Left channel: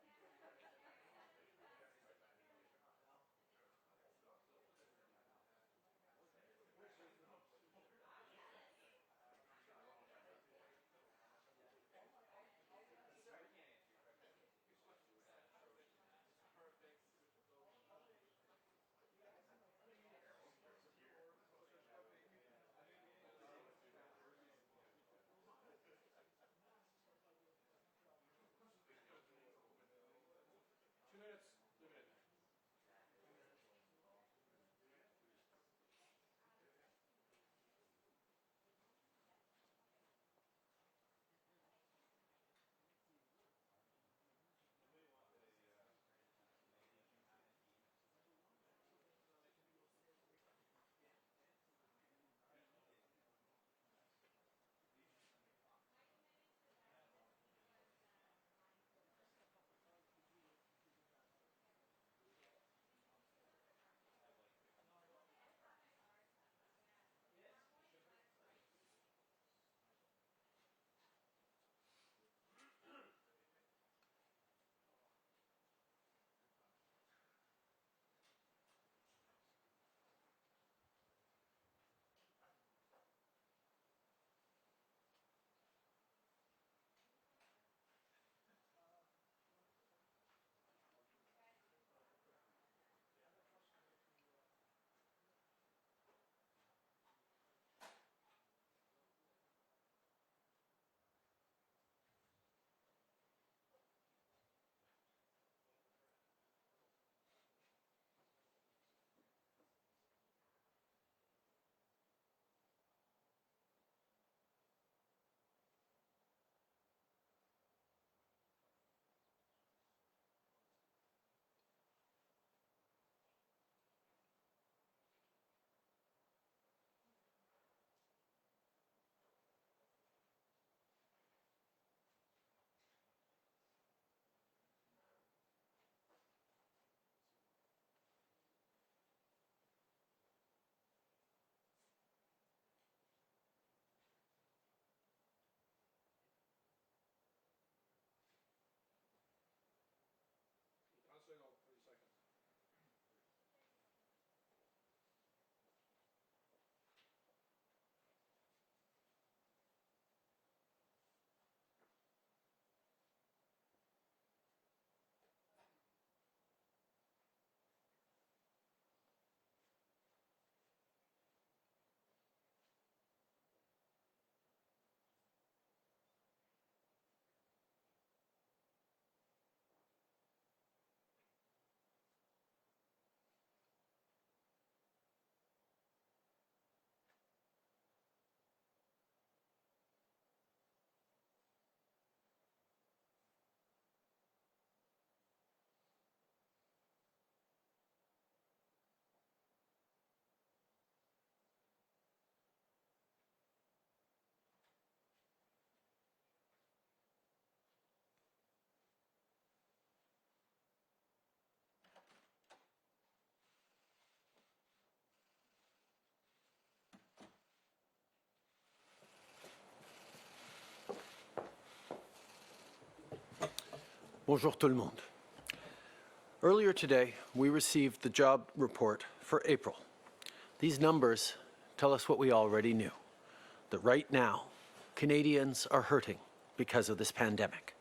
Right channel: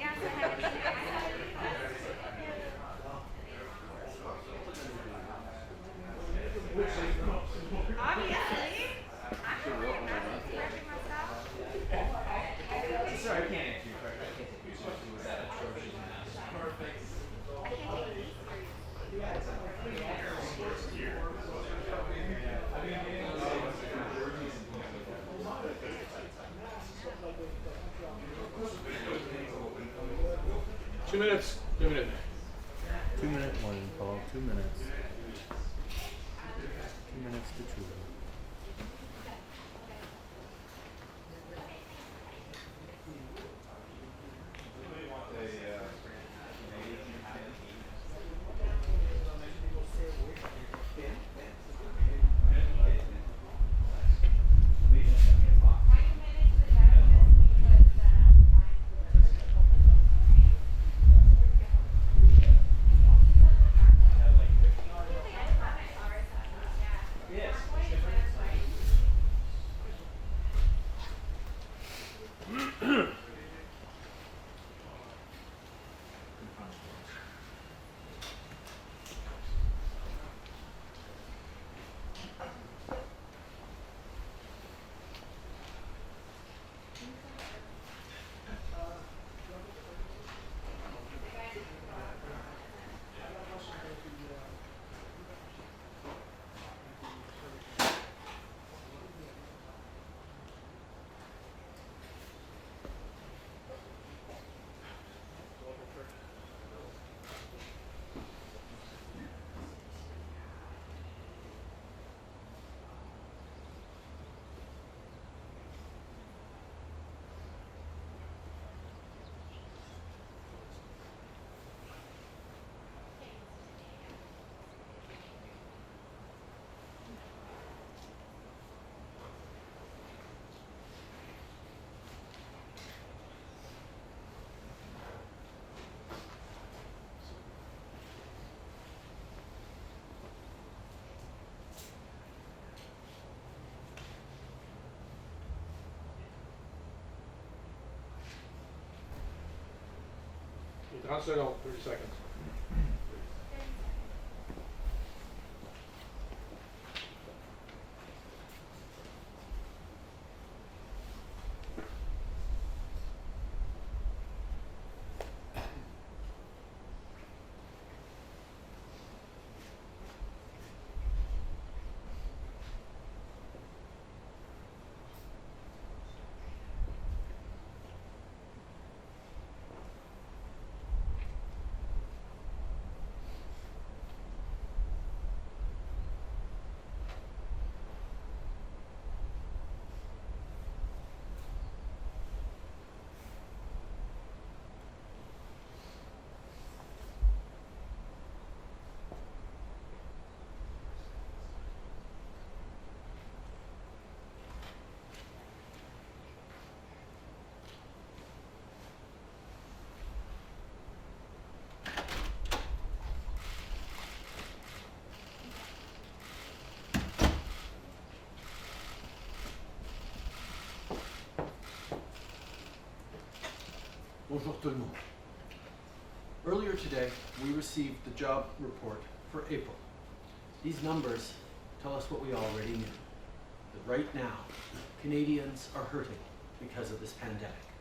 Yeah, so 2 minutes. 2-minute warning call, 2 minutes. 2 minutes to Trudeau. Okay, 30 seconds, 30 seconds. Bonjour tout le monde. Earlier today, we received the job report for April. These numbers tell us what we already knew, that right now, Canadians are hurting because of this pandemic.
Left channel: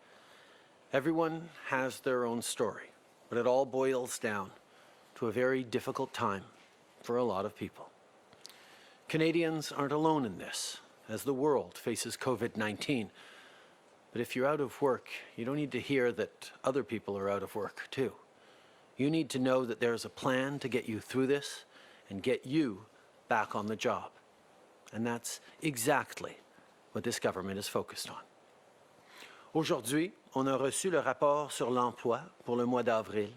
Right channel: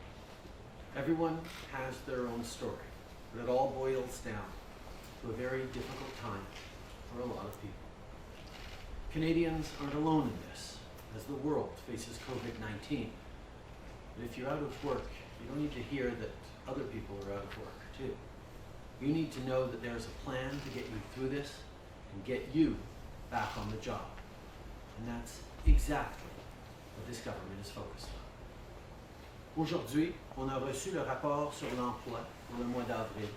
Everyone has their own story, but it all boils down to a very difficult time for a lot of people. Canadians aren't alone in this, as the world faces COVID-19. But if you're out of work, you don't need to hear that other people are out of work too. You need to know that there's a plan to get you through this and get you back on the job. And that's exactly what this government is focused on. Aujourd'hui, on a reçu le rapport sur l'emploi pour le mois d'avril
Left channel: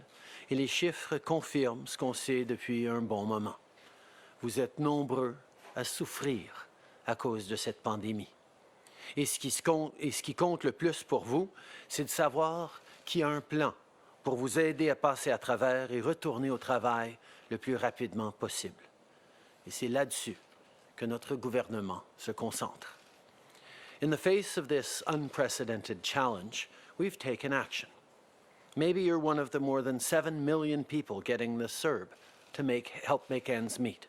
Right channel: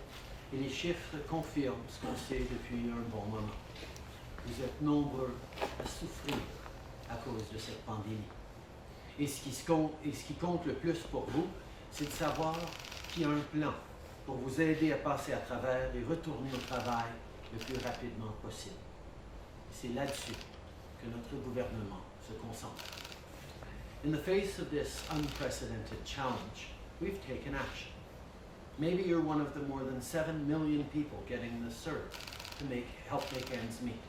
et les chiffres confirment ce qu'on sait depuis un bon moment. Vous êtes nombreux à souffrir à cause de cette pandémie. Et ce qui compte le plus pour vous, c'est de savoir qu'il y a un plan pour vous aider à passer à travers et retourner au travail le plus rapidement possible. Et c'est là-dessus que notre gouvernement se concentre. In the face of this unprecedented challenge, we've taken action. Maybe you're one of the more than 7 million people getting this CERB to help make ends meet.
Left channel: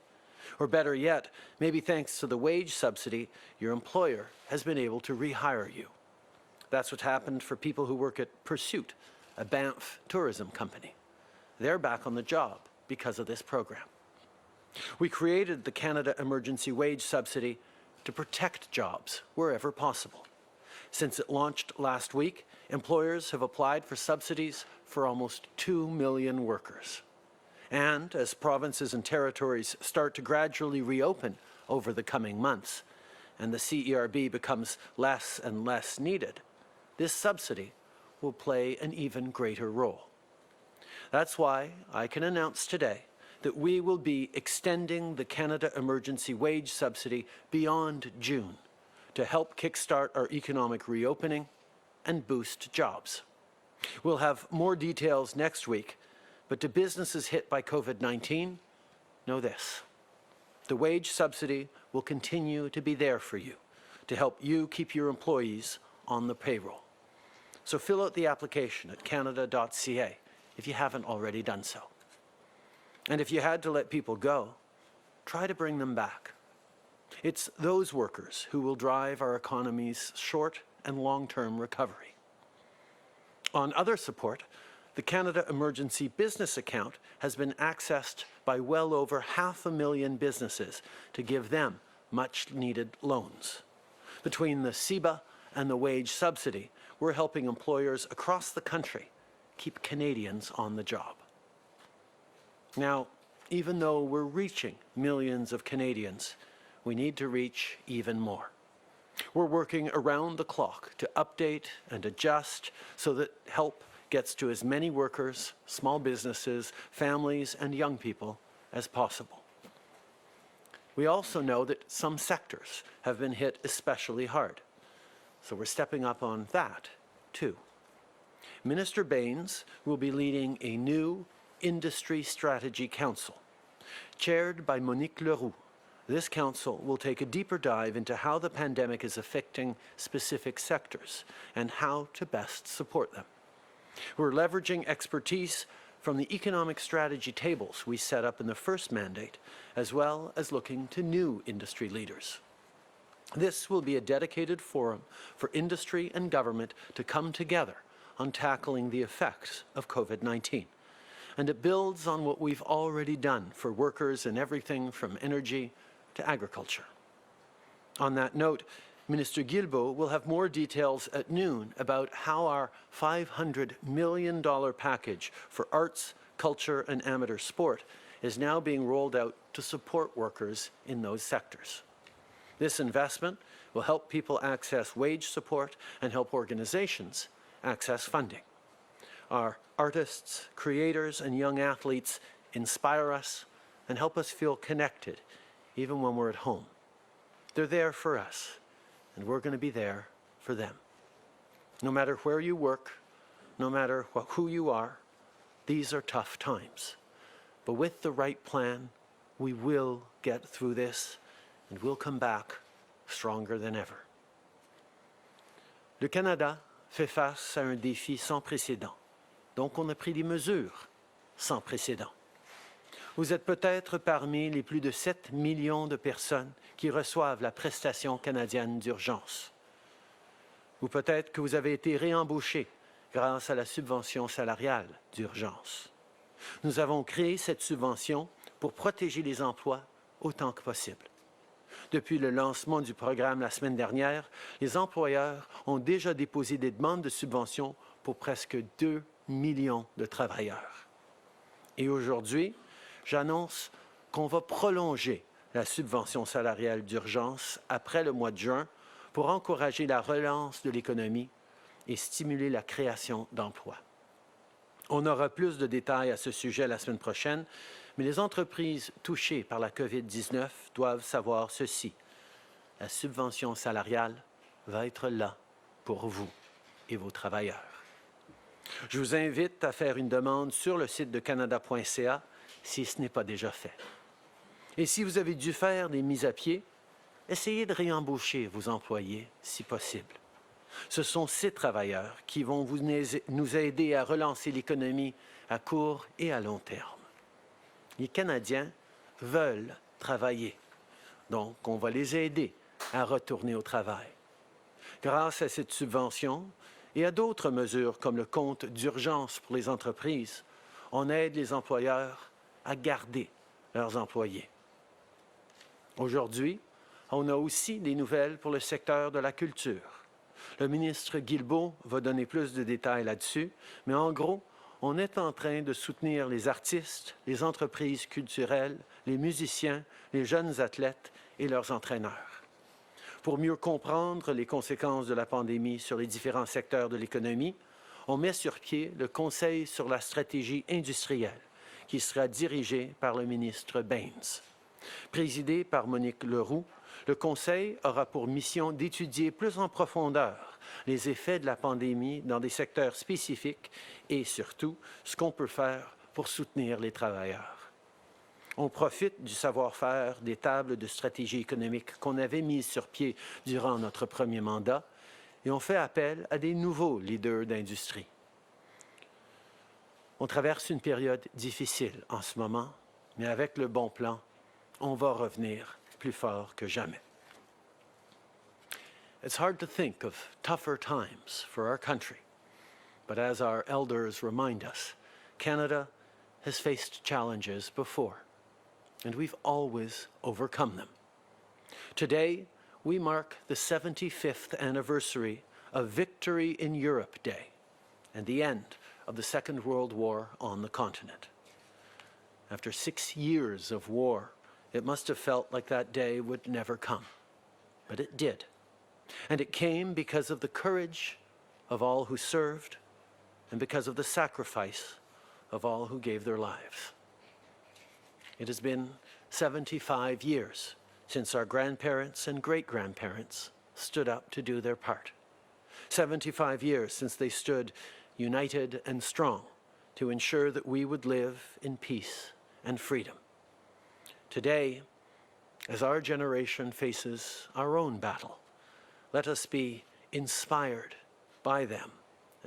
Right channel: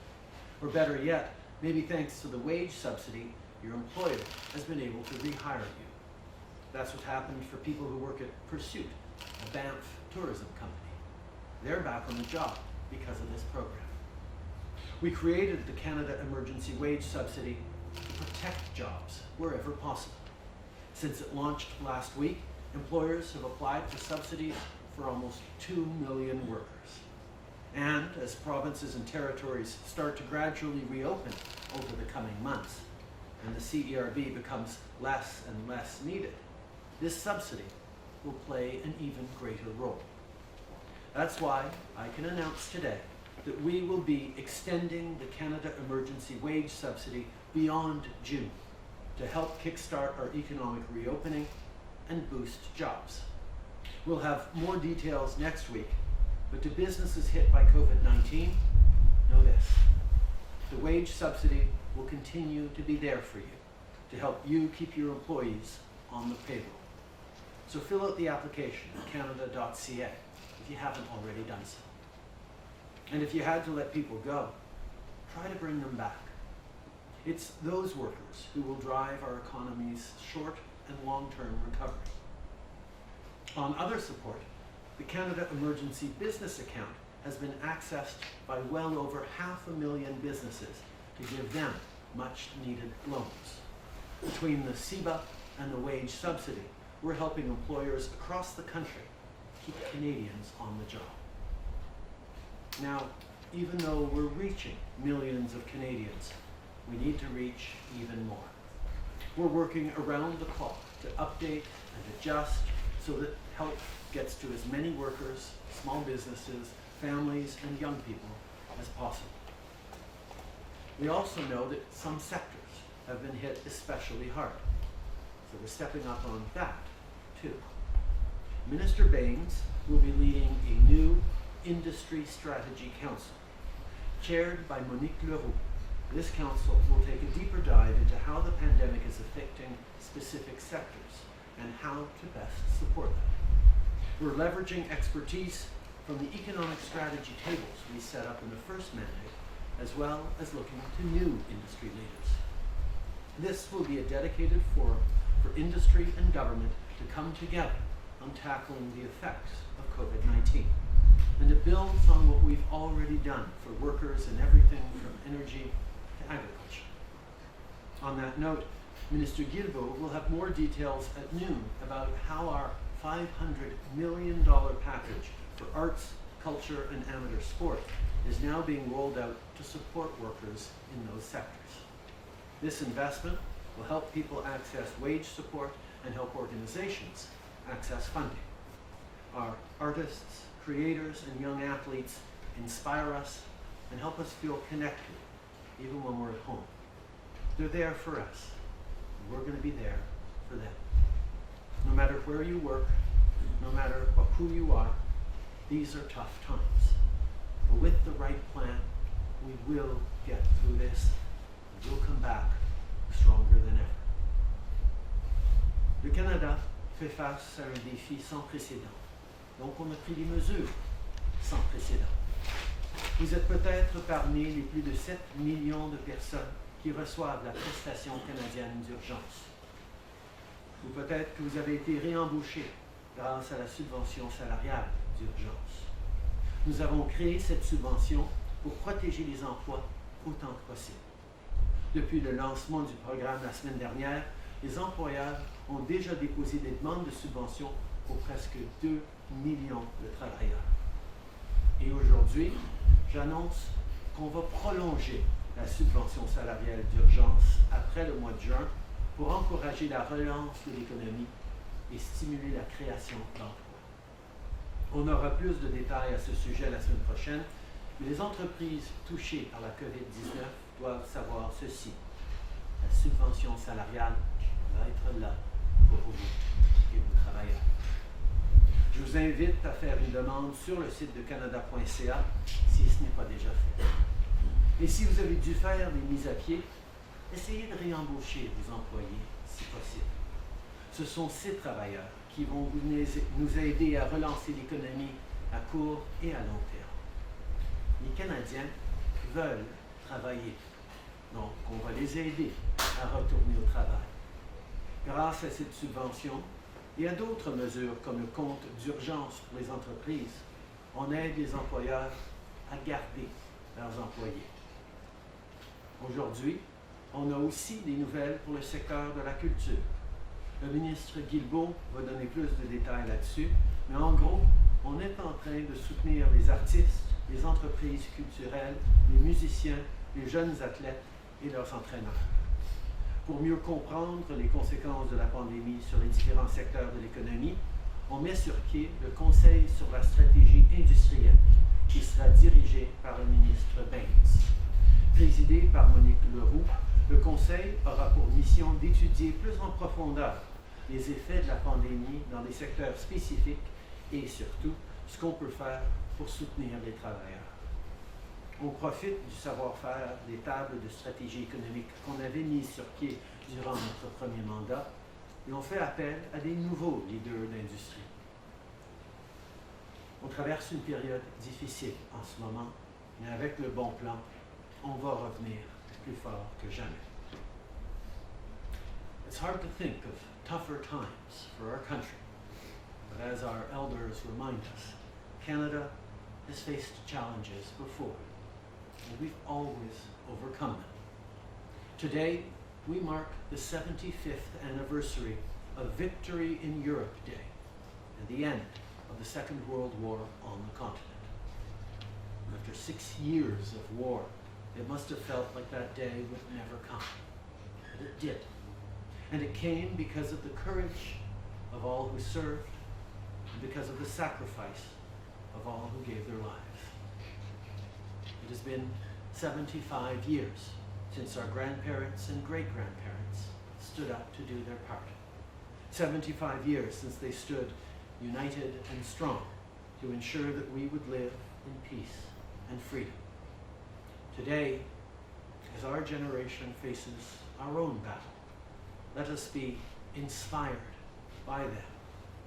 Or better yet, maybe thanks to the wage subsidy, your employer has been able to rehire you. That's what happened for people who work at Pursuit, a Banff tourism company. They're back on the job because of this program. We created the Canada Emergency Wage Subsidy to protect jobs wherever possible. Since it launched last week, employers have applied for subsidies for almost 2 million workers. And as provinces and territories start to gradually reopen over the coming months, and the CERB becomes less and less needed, this subsidy will play an even greater role. That's why I can announce today that we will be extending the Canada Emergency Wage Subsidy beyond June to help kickstart our economic reopening and boost jobs. We'll have more details next week, but to businesses hit by COVID-19, know this: the wage subsidy will continue to be there for you to help you keep your employees on the payroll. So fill out the application at canada.ca if you haven't already done so. And if you had to let people go, try to bring them back. It's those workers who will drive our economy's short and long-term recovery. On other support, the Canada Emergency Business Account has been accessed by well over 500,000 businesses to give them much-needed loans. Between the CEBA and the wage subsidy, we're helping employers across the country keep Canadians on the job. Now, even though we're reaching millions of Canadians, we need to reach even more. We're working around the clock to update and adjust so that help gets to as many workers, small businesses, families, and young people as possible. We also know that some sectors have been hit especially hard, so we're stepping up on that too. Minister Baines will be leading a new Industry Strategy Council. Chaired by Monique Leroux, this council will take a deeper dive into how the pandemic is affecting specific sectors and how to best support them. We're leveraging expertise from the economic strategy tables we set up in the first mandate, as well as looking to new industry leaders. This will be a dedicated forum for industry and government to come together on tackling the effects of COVID-19. And it builds on what we've already done for workers in everything from energy to agriculture. On that note, Minister Guilbeault will have more details at noon about how our $500 million package for arts, culture, and amateur sport is now being rolled out to support workers in those sectors. This investment will help people access wage support and help organizations access funding. Our artists, creators, and young athletes inspire us and help us feel connected even when we're at home. They're there for us, and we're going to be there for them. No matter where you work, no matter who you are, these are tough times. But with the right plan, we will get through this, and we'll come back stronger than ever. Le Canada fait face à un défi sans précédent. Donc on a pris des mesures sans précédent. Vous êtes peut-être parmi les plus de 7 millions de personnes qui reçoivent la prestation canadienne d'urgence. Ou peut-être que vous avez été réembauché grâce à la subvention salariale d'urgence. Nous avons créé cette subvention pour protéger les emplois autant que possible. Depuis le lancement du programme la semaine dernière, les employeurs ont déjà déposé des demandes de subvention pour presque 2 millions de travailleurs. Et aujourd'hui, j'annonce qu'on va prolonger la subvention salariale d'urgence après le mois de juin pour encourager la relance de l'économie et stimuler la création d'emplois. On aura plus de détails à ce sujet la semaine prochaine, mais les entreprises touchées par la COVID-19 doivent savoir ceci. La subvention salariale va être là pour vous et vos travailleurs. Je vous invite à faire une demande sur le site de canada.ca si ce n'est pas déjà fait. Et si vous avez dû faire des mises à pied, essayez de réembaucher vos employés si possible. Ce sont ces travailleurs qui vont nous aider à relancer l'économie à court et à long terme. Les Canadiens veulent travailler, donc on va les aider à retourner au travail. Grâce à cette subvention et à d'autres mesures comme le compte d'urgence pour les entreprises, on aide les employeurs à garder leurs employés. Aujourd'hui, on a aussi des nouvelles pour le secteur de la culture. Le ministre Guilbeault va donner plus de détails là-dessus, mais en gros, on est en train de soutenir les artistes, les entreprises culturelles, les musiciens, les jeunes athlètes et leurs entraîneurs. Pour mieux comprendre les conséquences de la pandémie sur les différents secteurs de l'économie, on met sur pied le Conseil sur la stratégie industrielle, qui sera dirigé par le ministre Baines. Présidé par Monique Leroux, le Conseil aura pour mission d'étudier plus en profondeur les effets de la pandémie dans des secteurs spécifiques et surtout ce qu'on peut faire pour soutenir les travailleurs. On profite du savoir-faire des tables de stratégie économique qu'on avait mises sur pied durant notre premier mandat et on fait appel à des nouveaux leaders d'industrie. On traverse une période difficile en ce moment, mais avec le bon plan, on va revenir plus fort que jamais. It's hard to think of tougher times for our country, but as our elders remind us, Canada has faced challenges before, and we've always overcome them. Today, we mark the 75th anniversary of Victory in Europe Day and the end of the Second World War on the continent. After 6 years of war, it must have felt like that day would never come, but it did. And it came because of the courage of all who served and because of the sacrifice of all who gave their lives. It has been 75 years since our grandparents and great-grandparents stood up to do their part. 75 years since they stood united and strong to ensure that we would live in peace and freedom. Today, as our generation faces our own battle, let us be inspired by them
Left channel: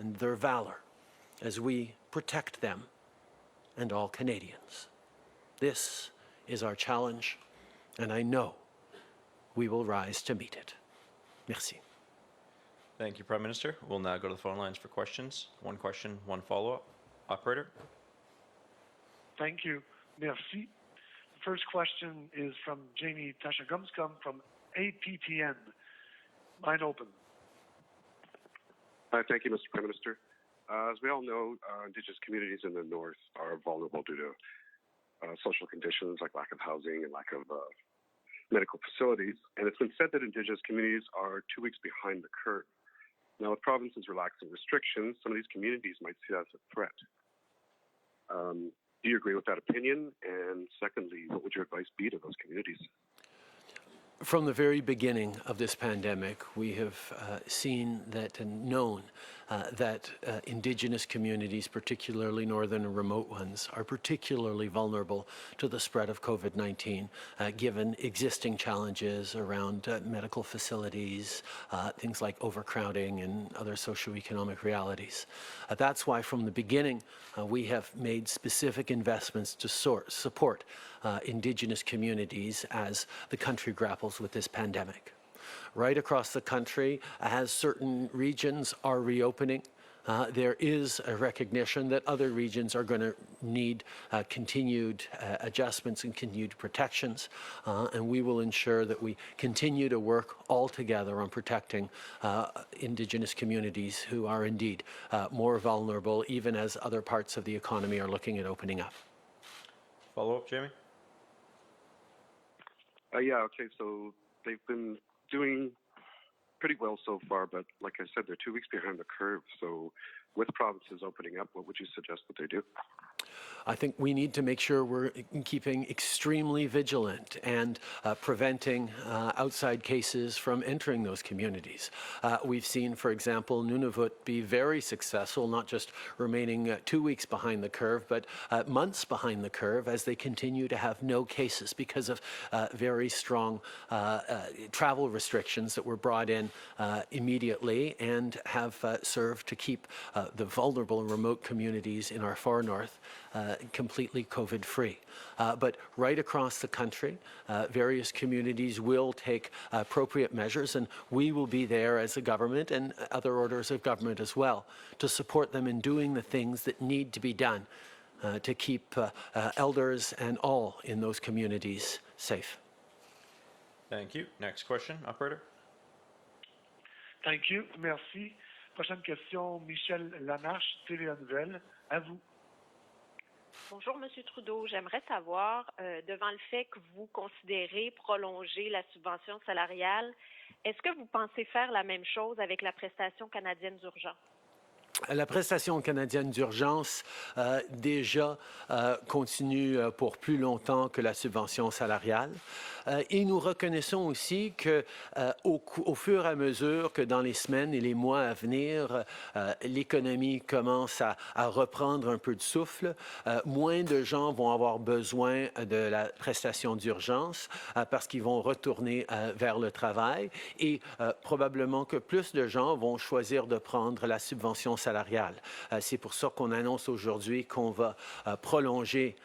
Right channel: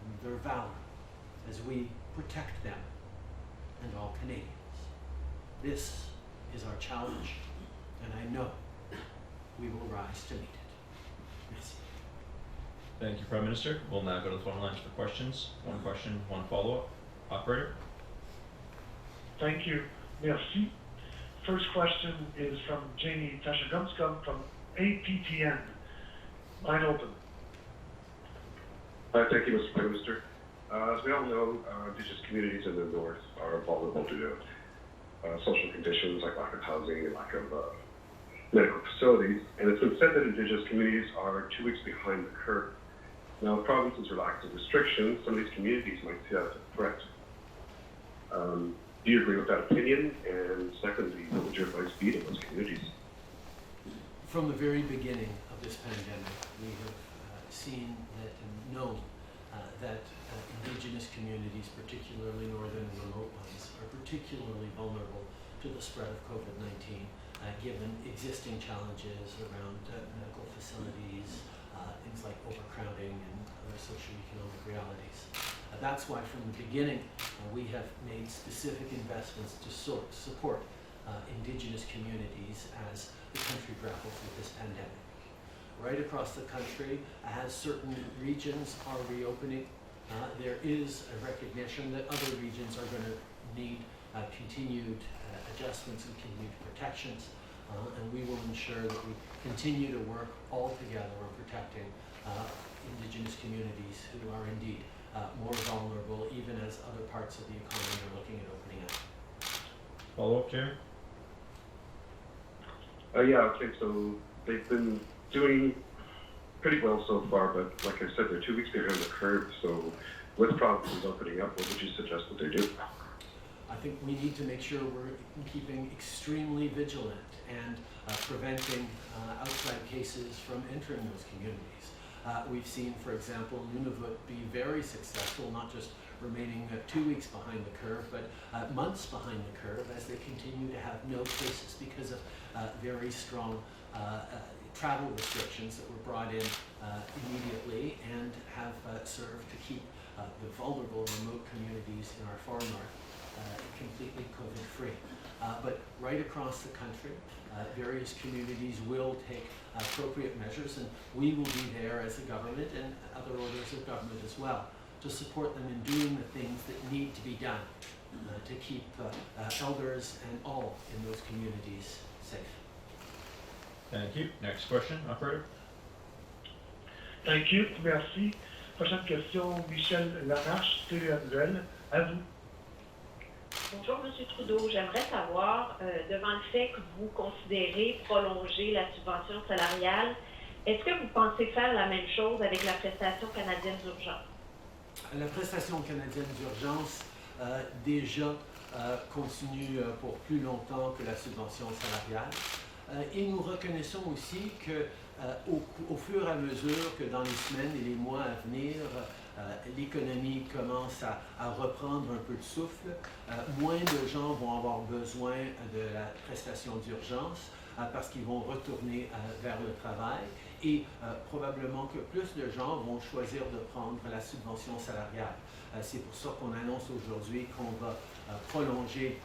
and their valor as we protect them and all Canadians. This is our challenge, and I know we will rise to meet it. Merci. Thank you, Prime Minister. We'll now go to the phone lines for questions. One question, one follow-up. Operator? Thank you. Merci. First question is from Jamie Tashagumskum from APTN. Line open. Thank you, Mr. Prime Minister. As we all know, Indigenous communities in the north are vulnerable due to social conditions like lack of housing and lack of medical facilities. And it's been said that Indigenous communities are 2 weeks behind the curve. Now, provinces relaxing restrictions, some of these communities might see that as a threat. Do you agree with that opinion? And secondly, what would your advice be to those communities? From the very beginning of this pandemic, we have seen that and known that Indigenous communities, particularly northern and remote ones, are particularly vulnerable to the spread of COVID-19, given existing challenges around medical facilities, things like overcrowding and other socioeconomic realities. That's why from the beginning we have made specific investments to support Indigenous communities as the country grapples with this pandemic. Right across the country, as certain regions are reopening, there is a recognition that other regions are going to need continued adjustments and continued protections, and we will ensure that we continue to work all together on protecting Indigenous communities who are indeed more vulnerable, even as other parts of the economy are looking at opening up. Follow-up, Jeremy? Yeah, okay, so they've been doing pretty well so far, but like I said, they're 2 weeks behind the curve. So with provinces opening up, what would you suggest that they do? I think we need to make sure we're keeping extremely vigilant and preventing outside cases from entering those communities. We've seen, for example, Nunavut be very successful, not just remaining 2 weeks behind the curve, but months behind the curve as they continue to have no cases because of very strong travel restrictions that were brought in immediately and have served to keep the vulnerable and remote communities in our far north completely COVID-free. But right across the country, various communities will take appropriate measures, and we will be there as a government and other orders of government as well to support them in doing the things that need to be done to keep elders and all in those communities safe. Thank you. Next question, Operator? Thank you. Merci. Prochaine question, Michel Lamarche, TVA Nouvelle. À vous. Bonjour, M. Trudeau. J'aimerais savoir, devant le fait que vous considérez prolonger la subvention salariale, est-ce que vous pensez faire la même chose avec la prestation canadienne d'urgence? La prestation canadienne d'urgence déjà continue pour plus longtemps que la subvention salariale. Et nous reconnaissons aussi que au fur et à mesure que dans les semaines et les mois à venir, l'économie commence à reprendre un peu de souffle, moins de gens vont avoir besoin de la prestation d'urgence parce qu'ils vont retourner vers le travail et probablement que plus de gens vont choisir de prendre la subvention salariale. C'est pour ça qu'on annonce aujourd'hui qu'on va prolonger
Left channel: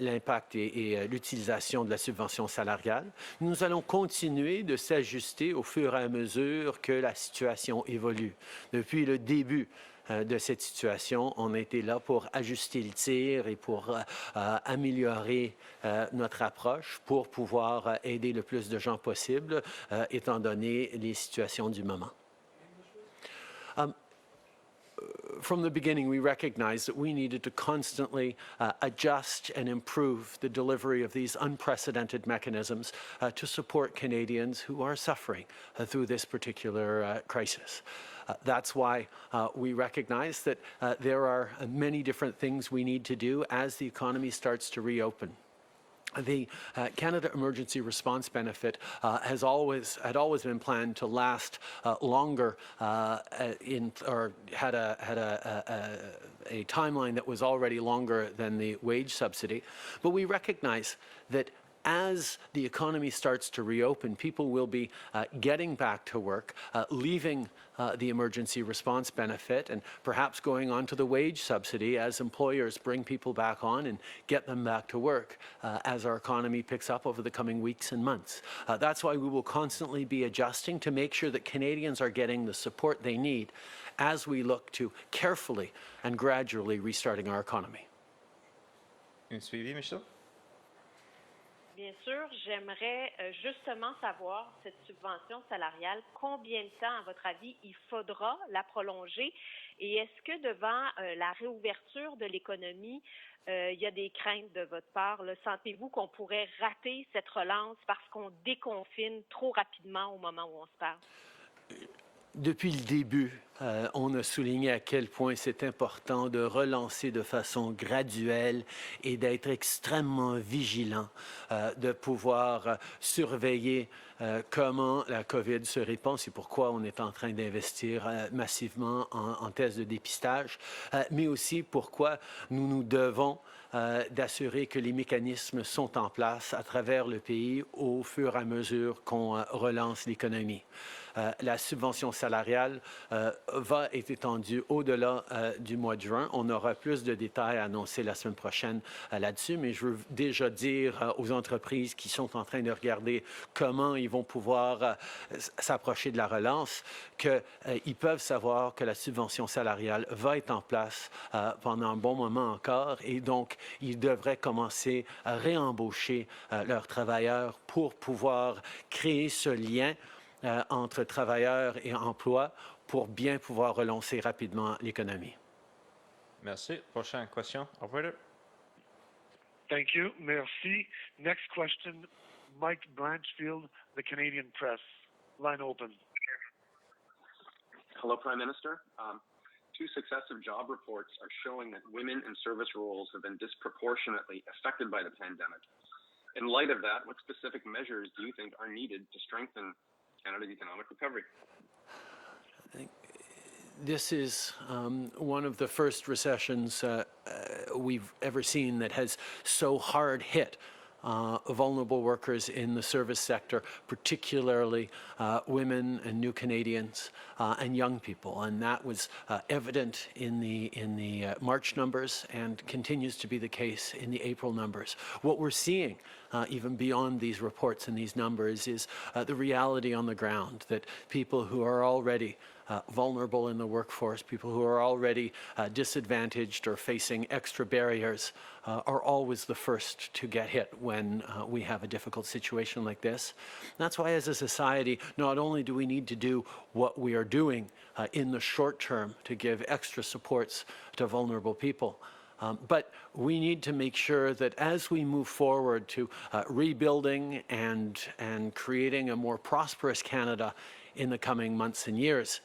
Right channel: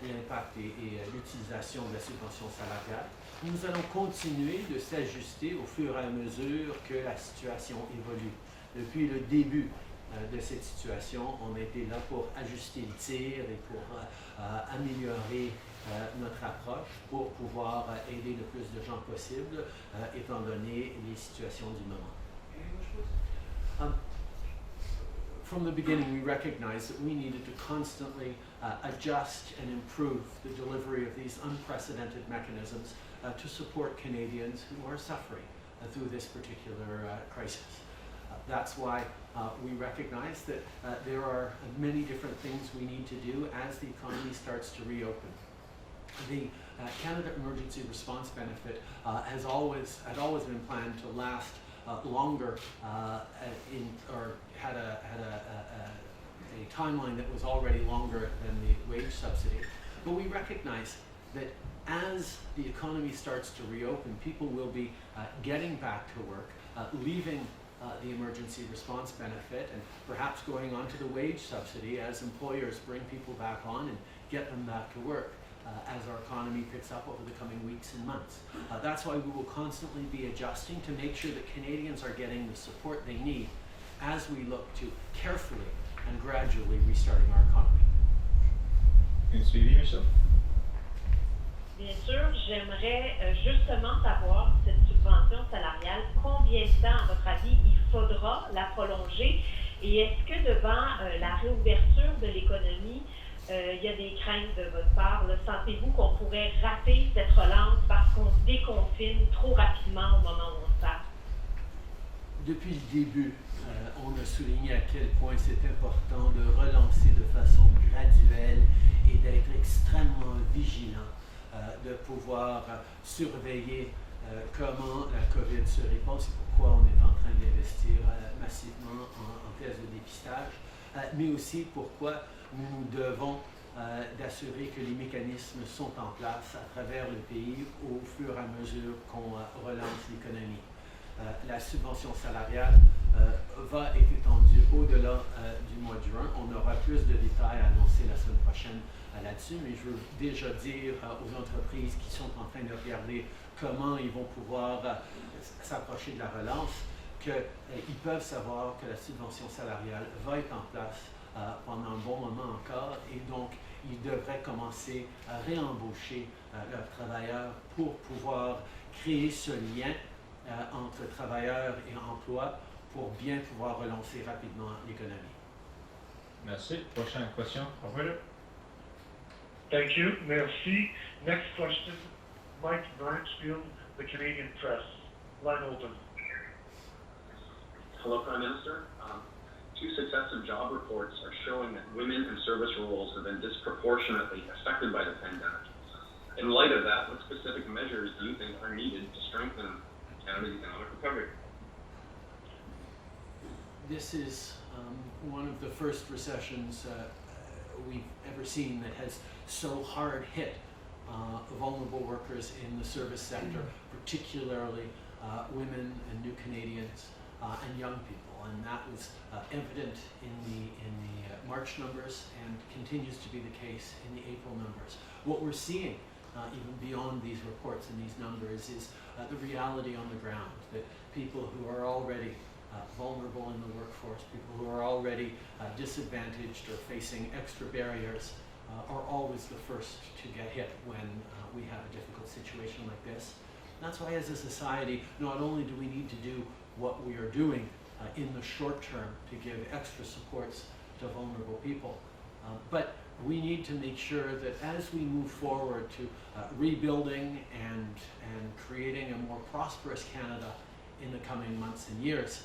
l'impact et l'utilisation de la subvention salariale. Nous allons continuer de s'ajuster au fur et à mesure que la situation évolue. Depuis le début de cette situation, on a été là pour ajuster le tir et pour améliorer notre approche pour pouvoir aider le plus de gens possible, étant donné les situations du moment. From the beginning, we recognized that we needed to constantly adjust and improve the delivery of these unprecedented mechanisms to support Canadians who are suffering through this particular crisis. That's why we recognize that there are many different things we need to do as the economy starts to reopen. The Canada Emergency Response Benefit had always been planned to last longer or had a timeline that was already longer than the wage subsidy. But we recognize that as the economy starts to reopen, people will be getting back to work, leaving the emergency response benefit and perhaps going on to the wage subsidy as employers bring people back on and get them back to work as our economy picks up over the coming weeks and months. That's why we will constantly be adjusting to make sure that Canadians are getting the support they need as we look to carefully and gradually restarting our economy. Une suivi, Michel? Bien sûr, j'aimerais justement savoir, cette subvention salariale, combien de temps, à votre avis, il faudra la prolonger? Et est-ce que devant la réouverture de l'économie, il y a des craintes de votre part? Sentez-vous qu'on pourrait rater cette relance parce qu'on se déconfine trop rapidement au moment où on se parle? Depuis le début, on a souligné à quel point c'est important de relancer de façon graduelle et d'être extrêmement vigilant, de pouvoir surveiller comment la COVID se répand. C'est pourquoi on est en train d'investir massivement en tests de dépistage, mais aussi pourquoi nous devons d'assurer que les mécanismes sont en place à travers le pays au fur et à mesure qu'on relance l'économie. La subvention salariale va être étendue au-delà du mois de juin. On aura plus de détails à annoncer la semaine prochaine là-dessus, mais je veux déjà dire aux entreprises qui sont en train de regarder comment ils vont pouvoir s'approcher de la relance qu'ils peuvent savoir que la subvention salariale va être en place pendant un bon moment encore et donc ils devraient commencer à réembaucher leurs travailleurs pour pouvoir créer ce lien entre travailleurs et emploi pour bien pouvoir relancer rapidement l'économie. Merci. Prochaine question. Operator? Thank you. Merci. Next question, Mike Blanchfield, the Canadian Press. Line open. Hello, Prime Minister. Two successive job reports are showing that women in service roles have been disproportionately affected by the pandemic. In light of that, what specific measures do you think are needed to strengthen Canada's economic recovery? This is one of the first recessions we've ever seen that has so hard hit vulnerable workers in the service sector, particularly women and new Canadians and young people. And that was evident in the March numbers and continues to be the case in the April numbers. What we're seeing even beyond these reports and these numbers is the reality on the ground that people who are already vulnerable in the workforce, people who are already disadvantaged or facing extra barriers are always the first to get hit when we have a difficult situation like this. That's why as a society, not only do we need to do what we are doing in the short term to give extra supports to vulnerable people. But we need to make sure that as we move forward to rebuilding and creating a more prosperous Canada in the coming months and years,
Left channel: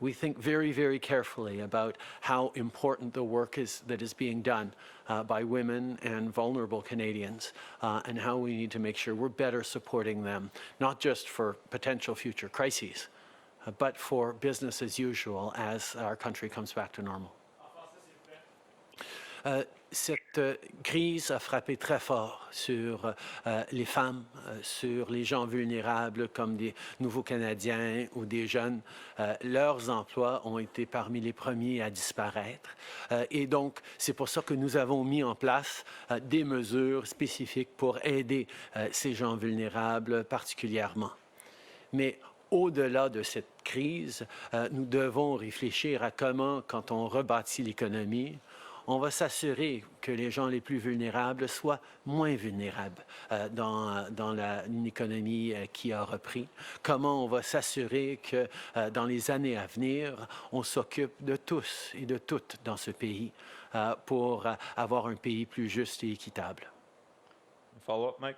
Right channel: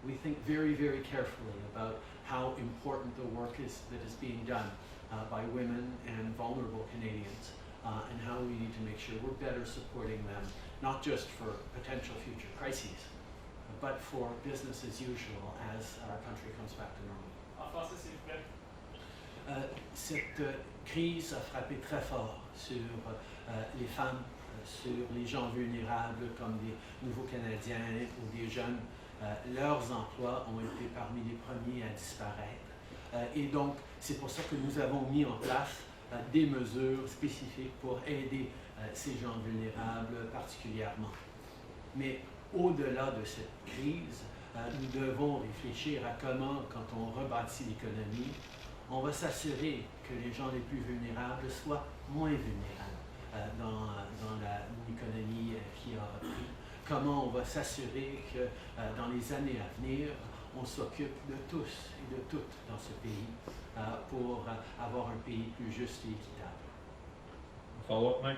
we think very, very carefully about how important the work is that is being done by women and vulnerable Canadians, and how we need to make sure we're better supporting them, not just for potential future crises, but for business as usual as our country comes back to normal. Cette crise a frappé très fort sur les femmes, sur les gens vulnérables comme des nouveaux Canadiens ou des jeunes. Leurs emplois ont été parmi les premiers à disparaître. Et donc, c'est pour ça que nous avons mis en place des mesures spécifiques pour aider ces gens vulnérables particulièrement. Mais au-delà de cette crise, nous devons réfléchir à comment, quand on rebâtit l'économie, on va s'assurer que les gens les plus vulnérables soient moins vulnérables dans une économie qui a repris. Comment on va s'assurer que dans les années à venir, on s'occupe de tous et de toutes dans ce pays pour avoir un pays plus juste et équitable. Follow-up, Mike?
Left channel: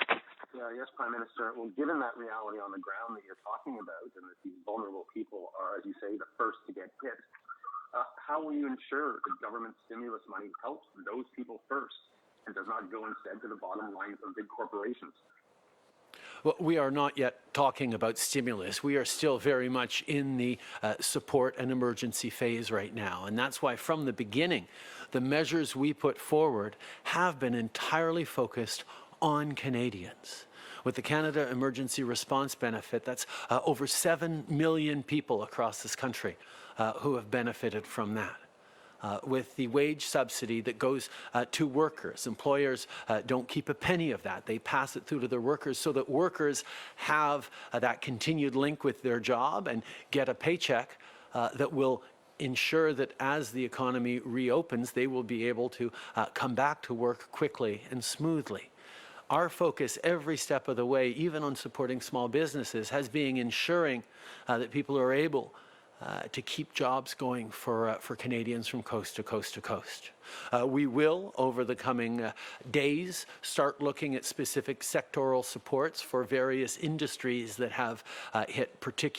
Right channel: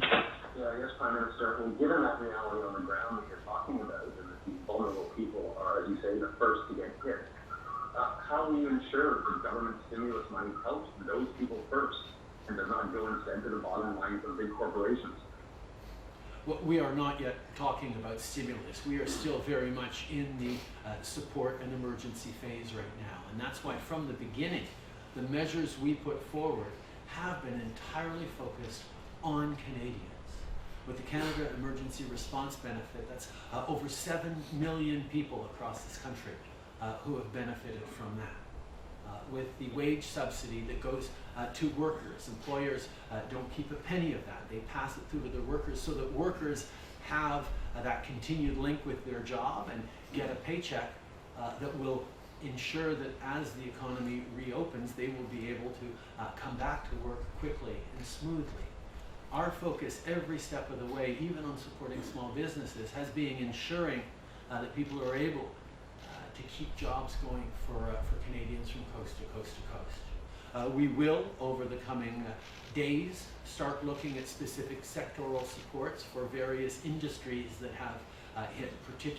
Yeah, I guess, Prime Minister, I mean, given that reality on the ground that you're talking about, and that these vulnerable people are, as you say, the first to get hit, how do you ensure that government stimulus money helps those people first and does not go instead to the bottom line for big corporations? Well, we are not yet talking about stimulus. We are still very much in the support and emergency phase right now. And that's why from the beginning, the measures we put forward have been entirely focused on Canadians. With the Canada Emergency Response Benefit, that's over 7 million people across this country who have benefited from that. With the wage subsidy that goes to workers, employers don't keep a penny of that. They pass it through to their workers so that workers have that continued link with their job and get a paycheck that will ensure that as the economy reopens, they will be able to come back to work quickly and smoothly. Our focus every step of the way, even on supporting small businesses, has been ensuring that people are able to keep jobs going for Canadians from coast to coast to coast. We will, over the coming days, start looking at specific sectoral supports for various industries that have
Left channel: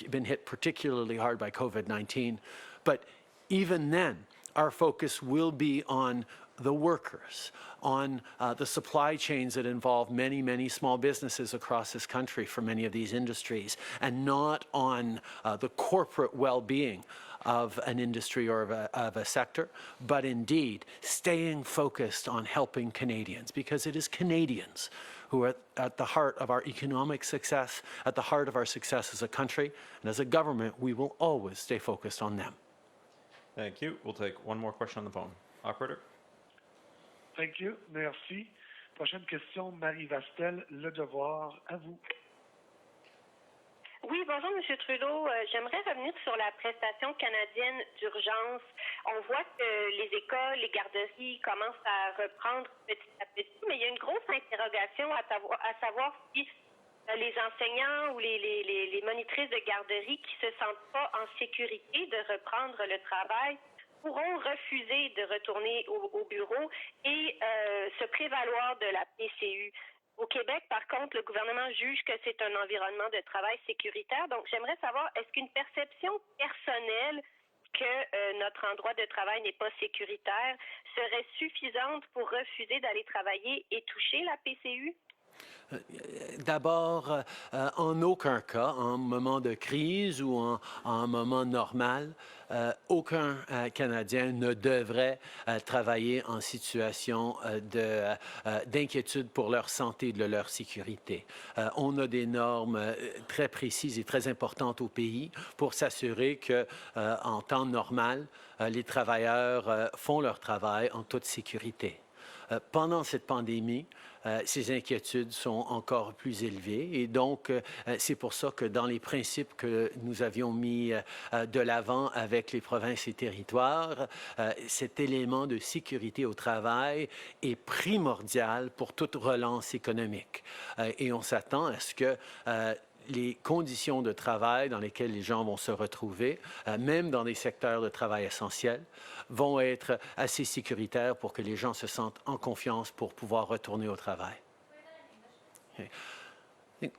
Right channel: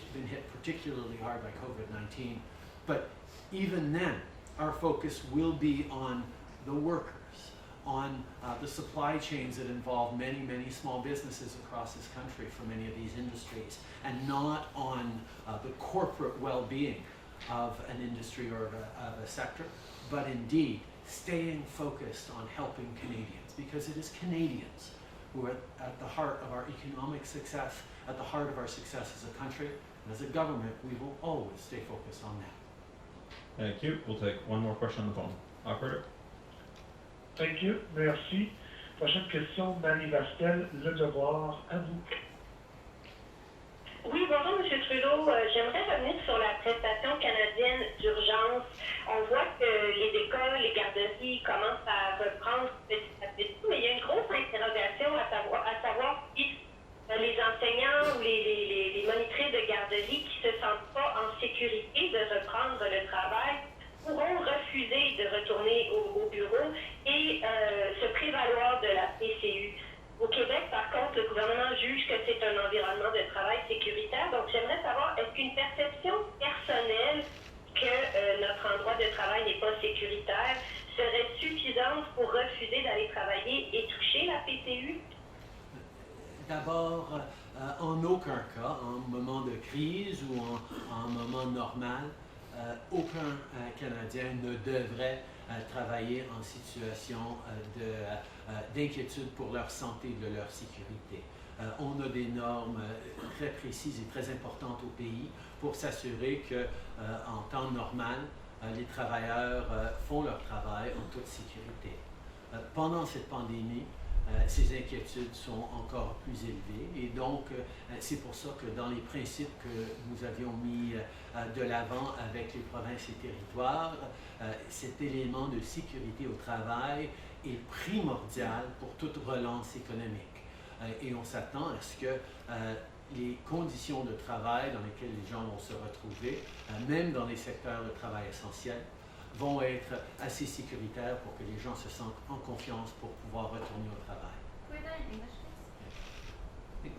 been hit particularly hard by COVID-19. But even then, our focus will be on the workers, on the supply chains that involve many, many small businesses across this country for many of these industries, and not on the corporate well-being of an industry or of a sector, but indeed staying focused on helping Canadians, because it is Canadians who are at the heart of our economic success, at the heart of our success as a country, and as a government, we will always stay focused on them. Thank you. We'll take one more question on the phone. Operator? Thank you. Merci. Prochaine question, Marie Vastel, Le Devoir, à vous. Oui, bonjour, M. Trudeau. J'aimerais revenir sur la prestation canadienne d'urgence. On voit que les écoles, les garderies commencent à reprendre petit à petit, mais il y a une grosse interrogation à savoir si les enseignants ou les monitrices de garderie qui ne se sentent pas en sécurité de reprendre le travail pourront refuser de retourner au bureau et se prévaloir de la PCU. Au Québec, par contre, le gouvernement juge que c'est un environnement de travail sécuritaire. Donc, j'aimerais savoir, est-ce qu'une perception personnelle que notre endroit de travail n'est pas sécuritaire serait suffisante pour refuser d'aller travailler et toucher la PCU? D'abord, en aucun cas, en moment de crise ou en moment normal, aucun Canadien ne devrait travailler en situation d'inquiétude pour leur santé et de leur sécurité. On a des normes très précises et très importantes au pays pour s'assurer qu'en temps normal, les travailleurs font leur travail en toute sécurité. Pendant cette pandémie, ces inquiétudes sont encore plus élevées et donc c'est pour ça que dans les principes que nous avions mis de l'avant avec les provinces et territoires, cet élément de sécurité au travail est primordial pour toute relance économique. Et on s'attend à ce que les conditions de travail dans lesquelles les gens vont se retrouver, même dans les secteurs de travail essentiels, vont être assez sécuritaires pour que les gens se sentent en confiance pour pouvoir retourner au travail. Okay. I think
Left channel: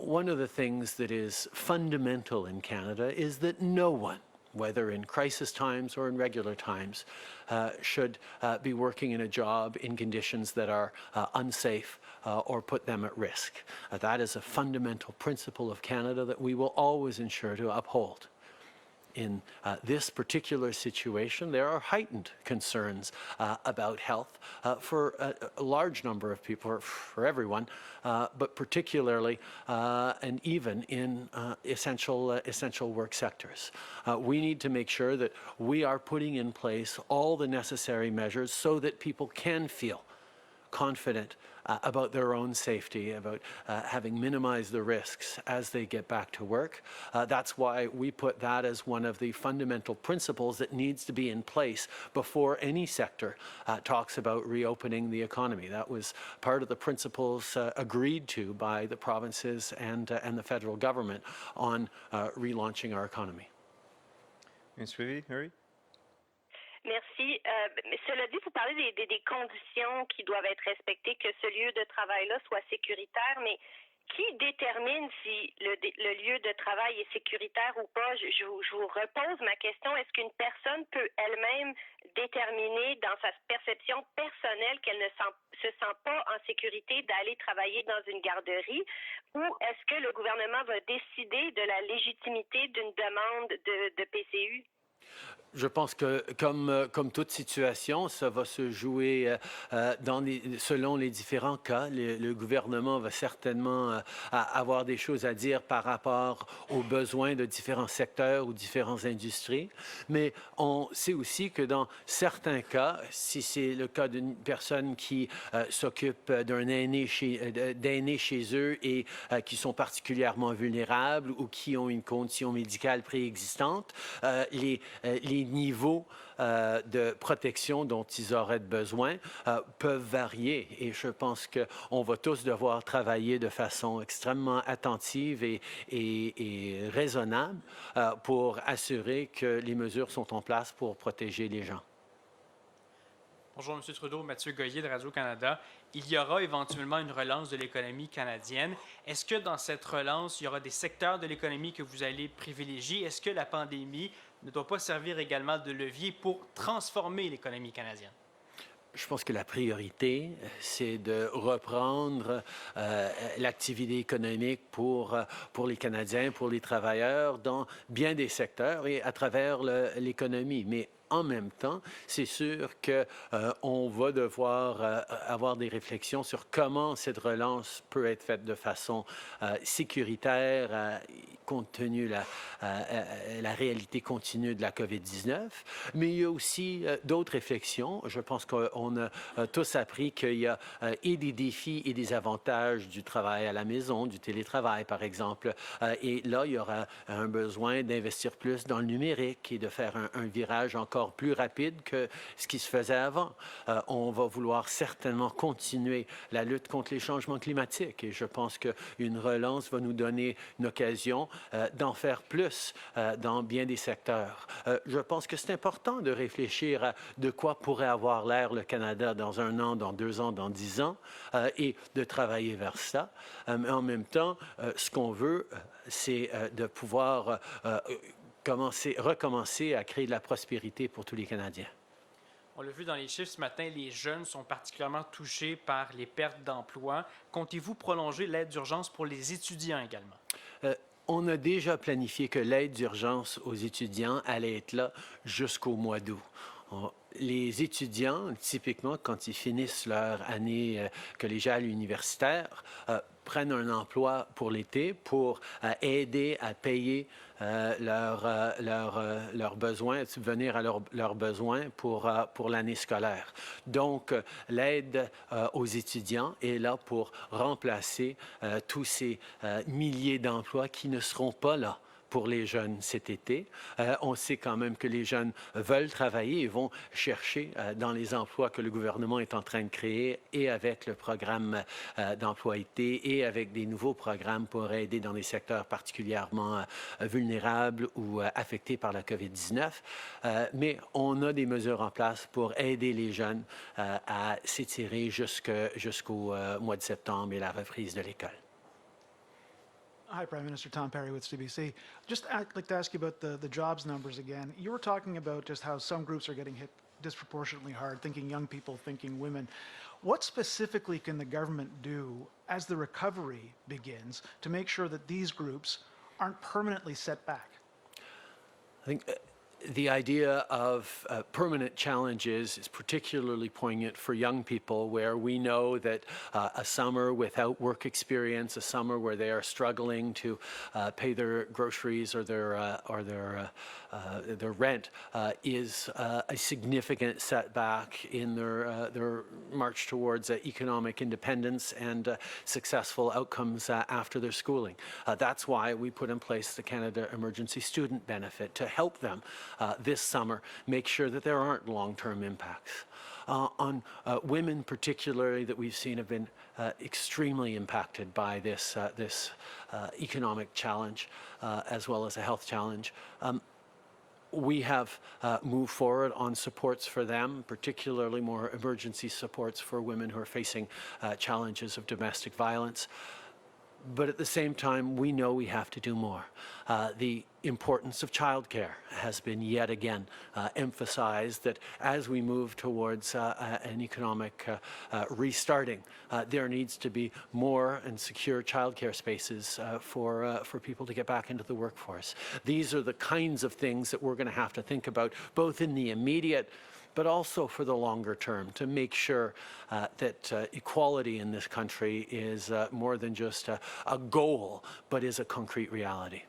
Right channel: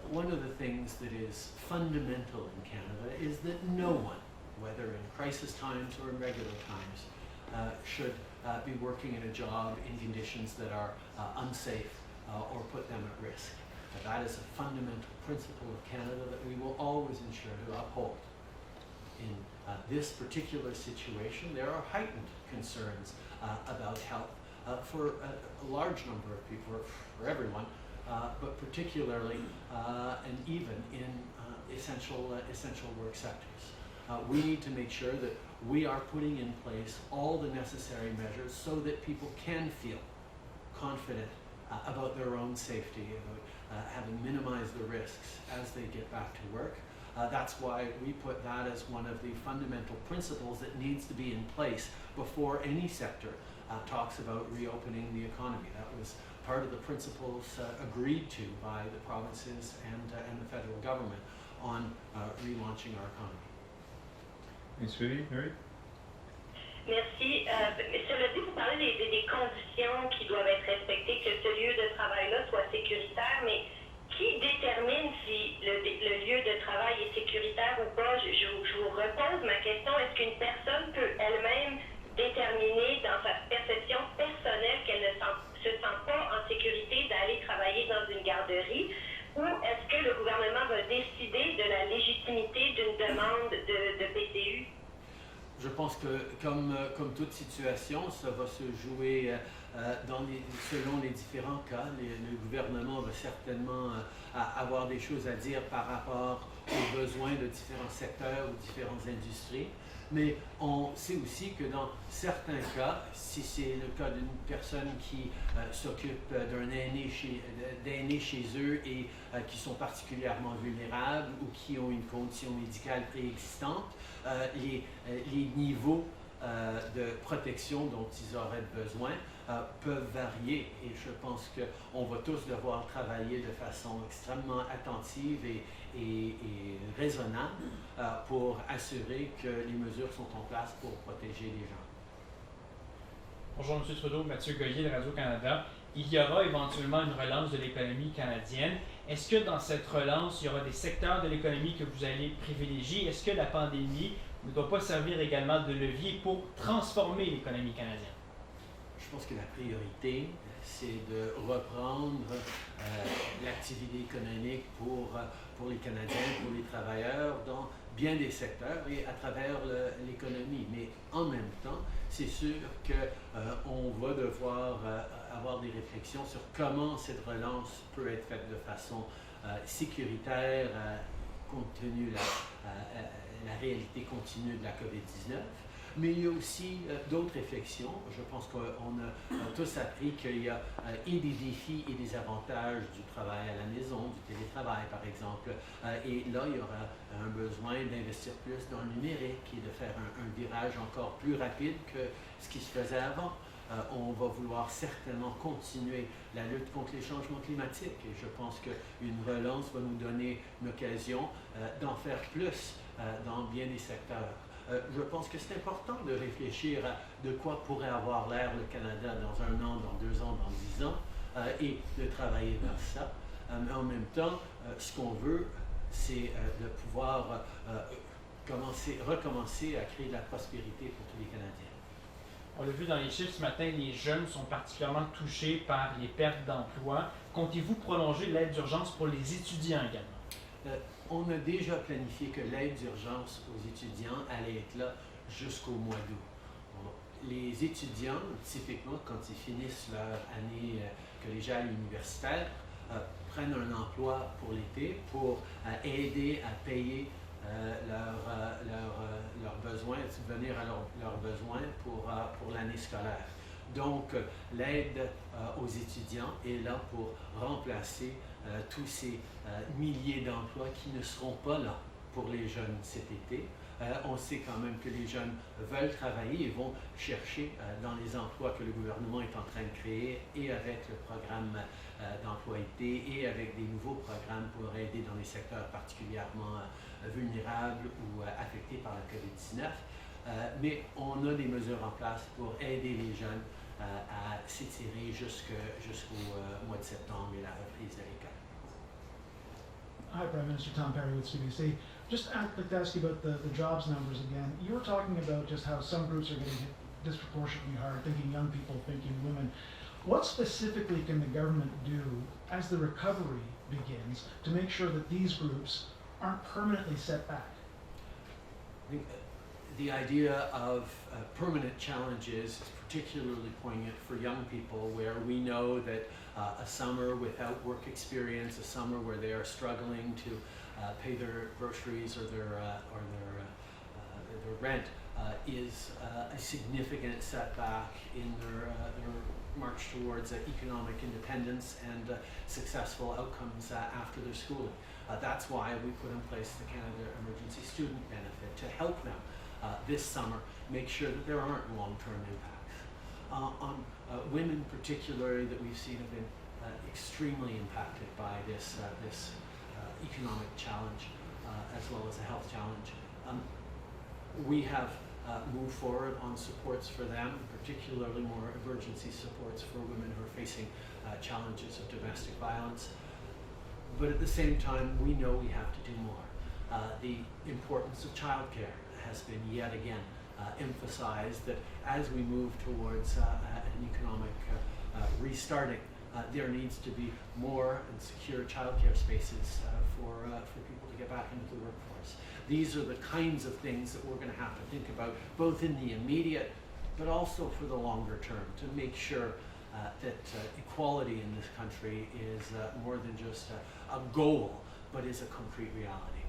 one of the things that is fundamental in Canada is that no one, whether in crisis times or in regular times, should be working in a job in conditions that are unsafe or put them at risk. That is a fundamental principle of Canada that we will always ensure to uphold. In this particular situation, there are heightened concerns about health for a large number of people, or for everyone, but particularly and even in essential work sectors. We need to make sure that we are putting in place all the necessary measures so that people can feel confident about their own safety, about having minimized the risks as they get back to work. That's why we put that as one of the fundamental principles that needs to be in place before any sector talks about reopening the economy. That was part of the principles agreed to by the provinces and the federal government on relaunching our economy. Mary? Merci. Cela dit, vous parlez des conditions qui doivent être respectées, que ce lieu de travail-là soit sécuritaire, mais qui détermine si le lieu de travail est sécuritaire ou pas? Je vous repose ma question. Est-ce qu'une personne peut elle-même déterminer dans sa perception personnelle qu'elle ne se sent pas en sécurité d'aller travailler dans une garderie? Ou est-ce que le gouvernement va décider de la légitimité d'une demande de PCU? Je pense que, comme toute situation, ça va se jouer selon les différents cas. Le gouvernement va certainement avoir des choses à dire par rapport aux besoins de différents secteurs ou différentes industries. Mais on sait aussi que dans certains cas, si c'est le cas d'une personne qui s'occupe d'un aîné chez eux et qui sont particulièrement vulnérables ou qui ont une condition médicale préexistante, les niveaux de protection dont ils auraient besoin peuvent varier. Et je pense qu'on va tous devoir travailler de façon extrêmement attentive et raisonnable pour assurer que les mesures sont en place pour protéger les gens. Bonjour M. Trudeau, Mathieu Goyer de Radio-Canada. Il y aura éventuellement une relance de l'économie canadienne. Est-ce que dans cette relance, il y aura des secteurs de l'économie que vous allez privilégier? Est-ce que la pandémie ne doit pas servir également de levier pour transformer l'économie canadienne? Je pense que la priorité, c'est de reprendre l'activité économique pour les Canadiens, pour les travailleurs, dans bien des secteurs et à travers l'économie. Mais en même temps, c'est sûr qu'on va devoir avoir des réflexions sur comment cette relance peut être faite de façon sécuritaire, compte tenu de la réalité continue de la COVID-19, mais il y a aussi d'autres réflexions. Je pense qu'on a tous appris qu'il y a et des défis et des avantages du travail à la maison, du télétravail par exemple, et là il y aura un besoin d'investir plus dans le numérique et de faire un virage encore plus rapide que ce qui se faisait avant. On va vouloir certainement continuer la lutte contre les changements climatiques et je pense qu'une relance va nous donner une occasion d'en faire plus dans bien des secteurs. Je pense que c'est important de réfléchir à de quoi pourrait avoir l'air le Canada dans 1 an, dans 2 ans, dans 10 ans et de travailler vers ça. Mais en même temps, ce qu'on veut, c'est de pouvoir recommencer à créer de la prospérité pour tous les Canadiens. On l'a vu dans les chiffres ce matin, les jeunes sont particulièrement touchés par les pertes d'emploi. Comptez-vous prolonger l'aide d'urgence pour les étudiants également? On a déjà planifié que l'aide d'urgence aux étudiants allait être là jusqu'au mois d'août. Les étudiants, typiquement, quand ils finissent leur année collégiale universitaire, prennent un emploi pour l'été pour aider à payer leurs besoins, subvenir à leurs besoins pour l'année scolaire. Donc, l'aide aux étudiants est là pour remplacer tous ces milliers d'emplois qui ne seront pas là pour les jeunes cet été. On sait quand même que les jeunes veulent travailler et vont chercher dans les emplois que le gouvernement est en train de créer et avec le programme d'emploi été et avec des nouveaux programmes pour aider dans des secteurs particulièrement vulnérables ou affectés par la COVID-19. Mais on a des mesures en place pour aider les jeunes à s'étirer jusqu'au mois de septembre et la reprise de l'école. Hi, Prime Minister Tom Perry with CBC. I'd like to ask you about the jobs numbers again. You were talking about just how some groups are getting hit disproportionately hard, thinking young people, thinking women. What specifically can the government do as the recovery begins to make sure that these groups aren't permanently set back? I think the idea of permanent challenges is particularly poignant for young people, where we know that a summer without work experience, a summer where they are struggling to pay their groceries or their rent is a significant setback in their march towards economic independence and successful outcomes after their schooling. That's why we put in place the Canada Emergency Student Benefit to help them this summer make sure that there aren't long-term impacts. On women particularly that we've seen have been extremely impacted by this economic challenge as well as a health challenge. We have moved forward on supports for them, particularly more emergency supports for women who are facing challenges of domestic violence. But at the same time, we know we have to do more. The importance of childcare has been yet again emphasized, that as we move towards an economic restarting, there needs to be more and secure childcare spaces for people to get back into the workforce. These are the kinds of things that we're going to have to think about, both in the immediate, but also for the longer term, to make sure that equality in this country is more than just a goal, but is a concrete reality.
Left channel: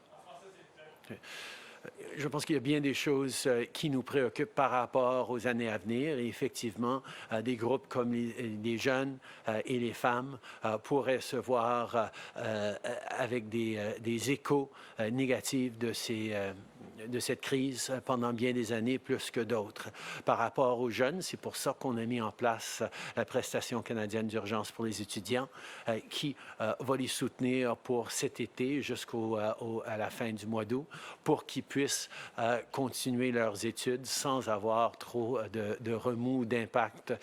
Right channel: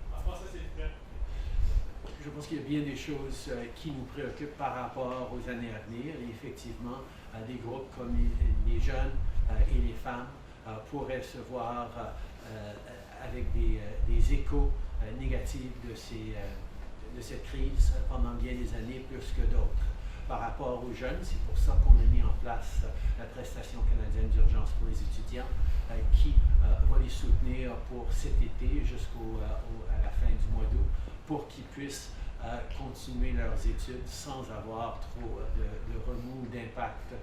Je pense qu'il y a bien des choses qui nous préoccupent par rapport aux années à venir. Et effectivement, des groupes comme les jeunes et les femmes pourraient se voir avec des échos négatifs de cette crise pendant bien des années, plus que d'autres. Par rapport aux jeunes, c'est pour ça qu'on a mis en place la prestation canadienne d'urgence pour les étudiants, qui va les soutenir pour cet été à la fin du mois d'août, pour qu'ils puissent continuer leurs études sans avoir trop de remous, d'impact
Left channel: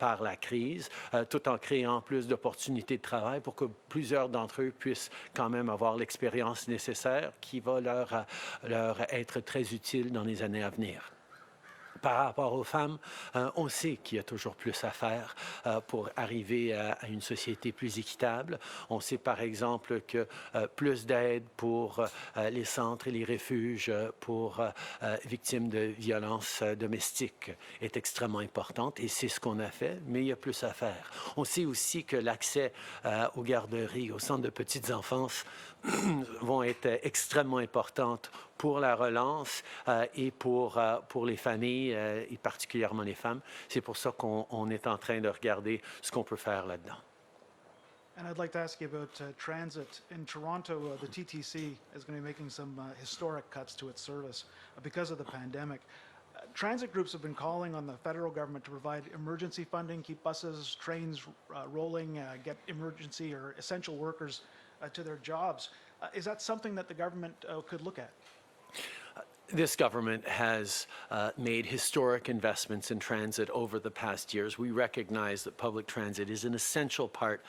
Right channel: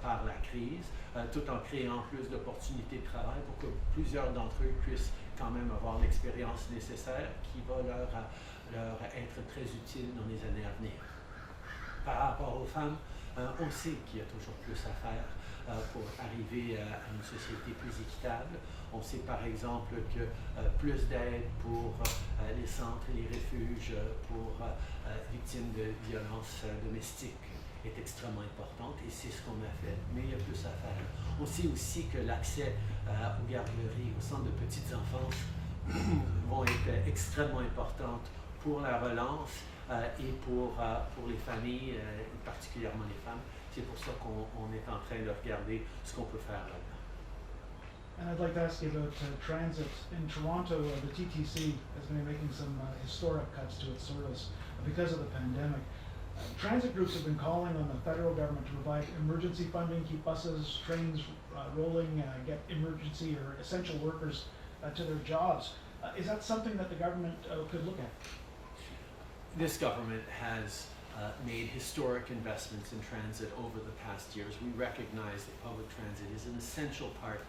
par la crise, tout en créant plus d'opportunités de travail pour que plusieurs d'entre eux puissent quand même avoir l'expérience nécessaire qui va leur être très utile dans les années à venir. Par rapport aux femmes, on sait qu'il y a toujours plus à faire pour arriver à une société plus équitable. On sait par exemple que plus d'aide pour les centres et les refuges pour victimes de violences domestiques est extrêmement importante, et c'est ce qu'on a fait, mais il y a plus à faire. On sait aussi que l'accès aux garderies, aux centres de petites enfances vont être extrêmement importantes pour la relance et pour les familles et particulièrement les femmes. C'est pour ça qu'on est en train de regarder ce qu'on peut faire là-dedans. And I'd like to ask you about transit. In Toronto, the TTC has been making some historic cuts to its service because of the pandemic. Transit groups have been calling on the federal government to provide emergency funding, keep buses, trains rolling, get emergency or essential workers to their jobs. Is that something that the government could look at? This government has made historic investments in transit over the past years. We recognize that public transit is an essential part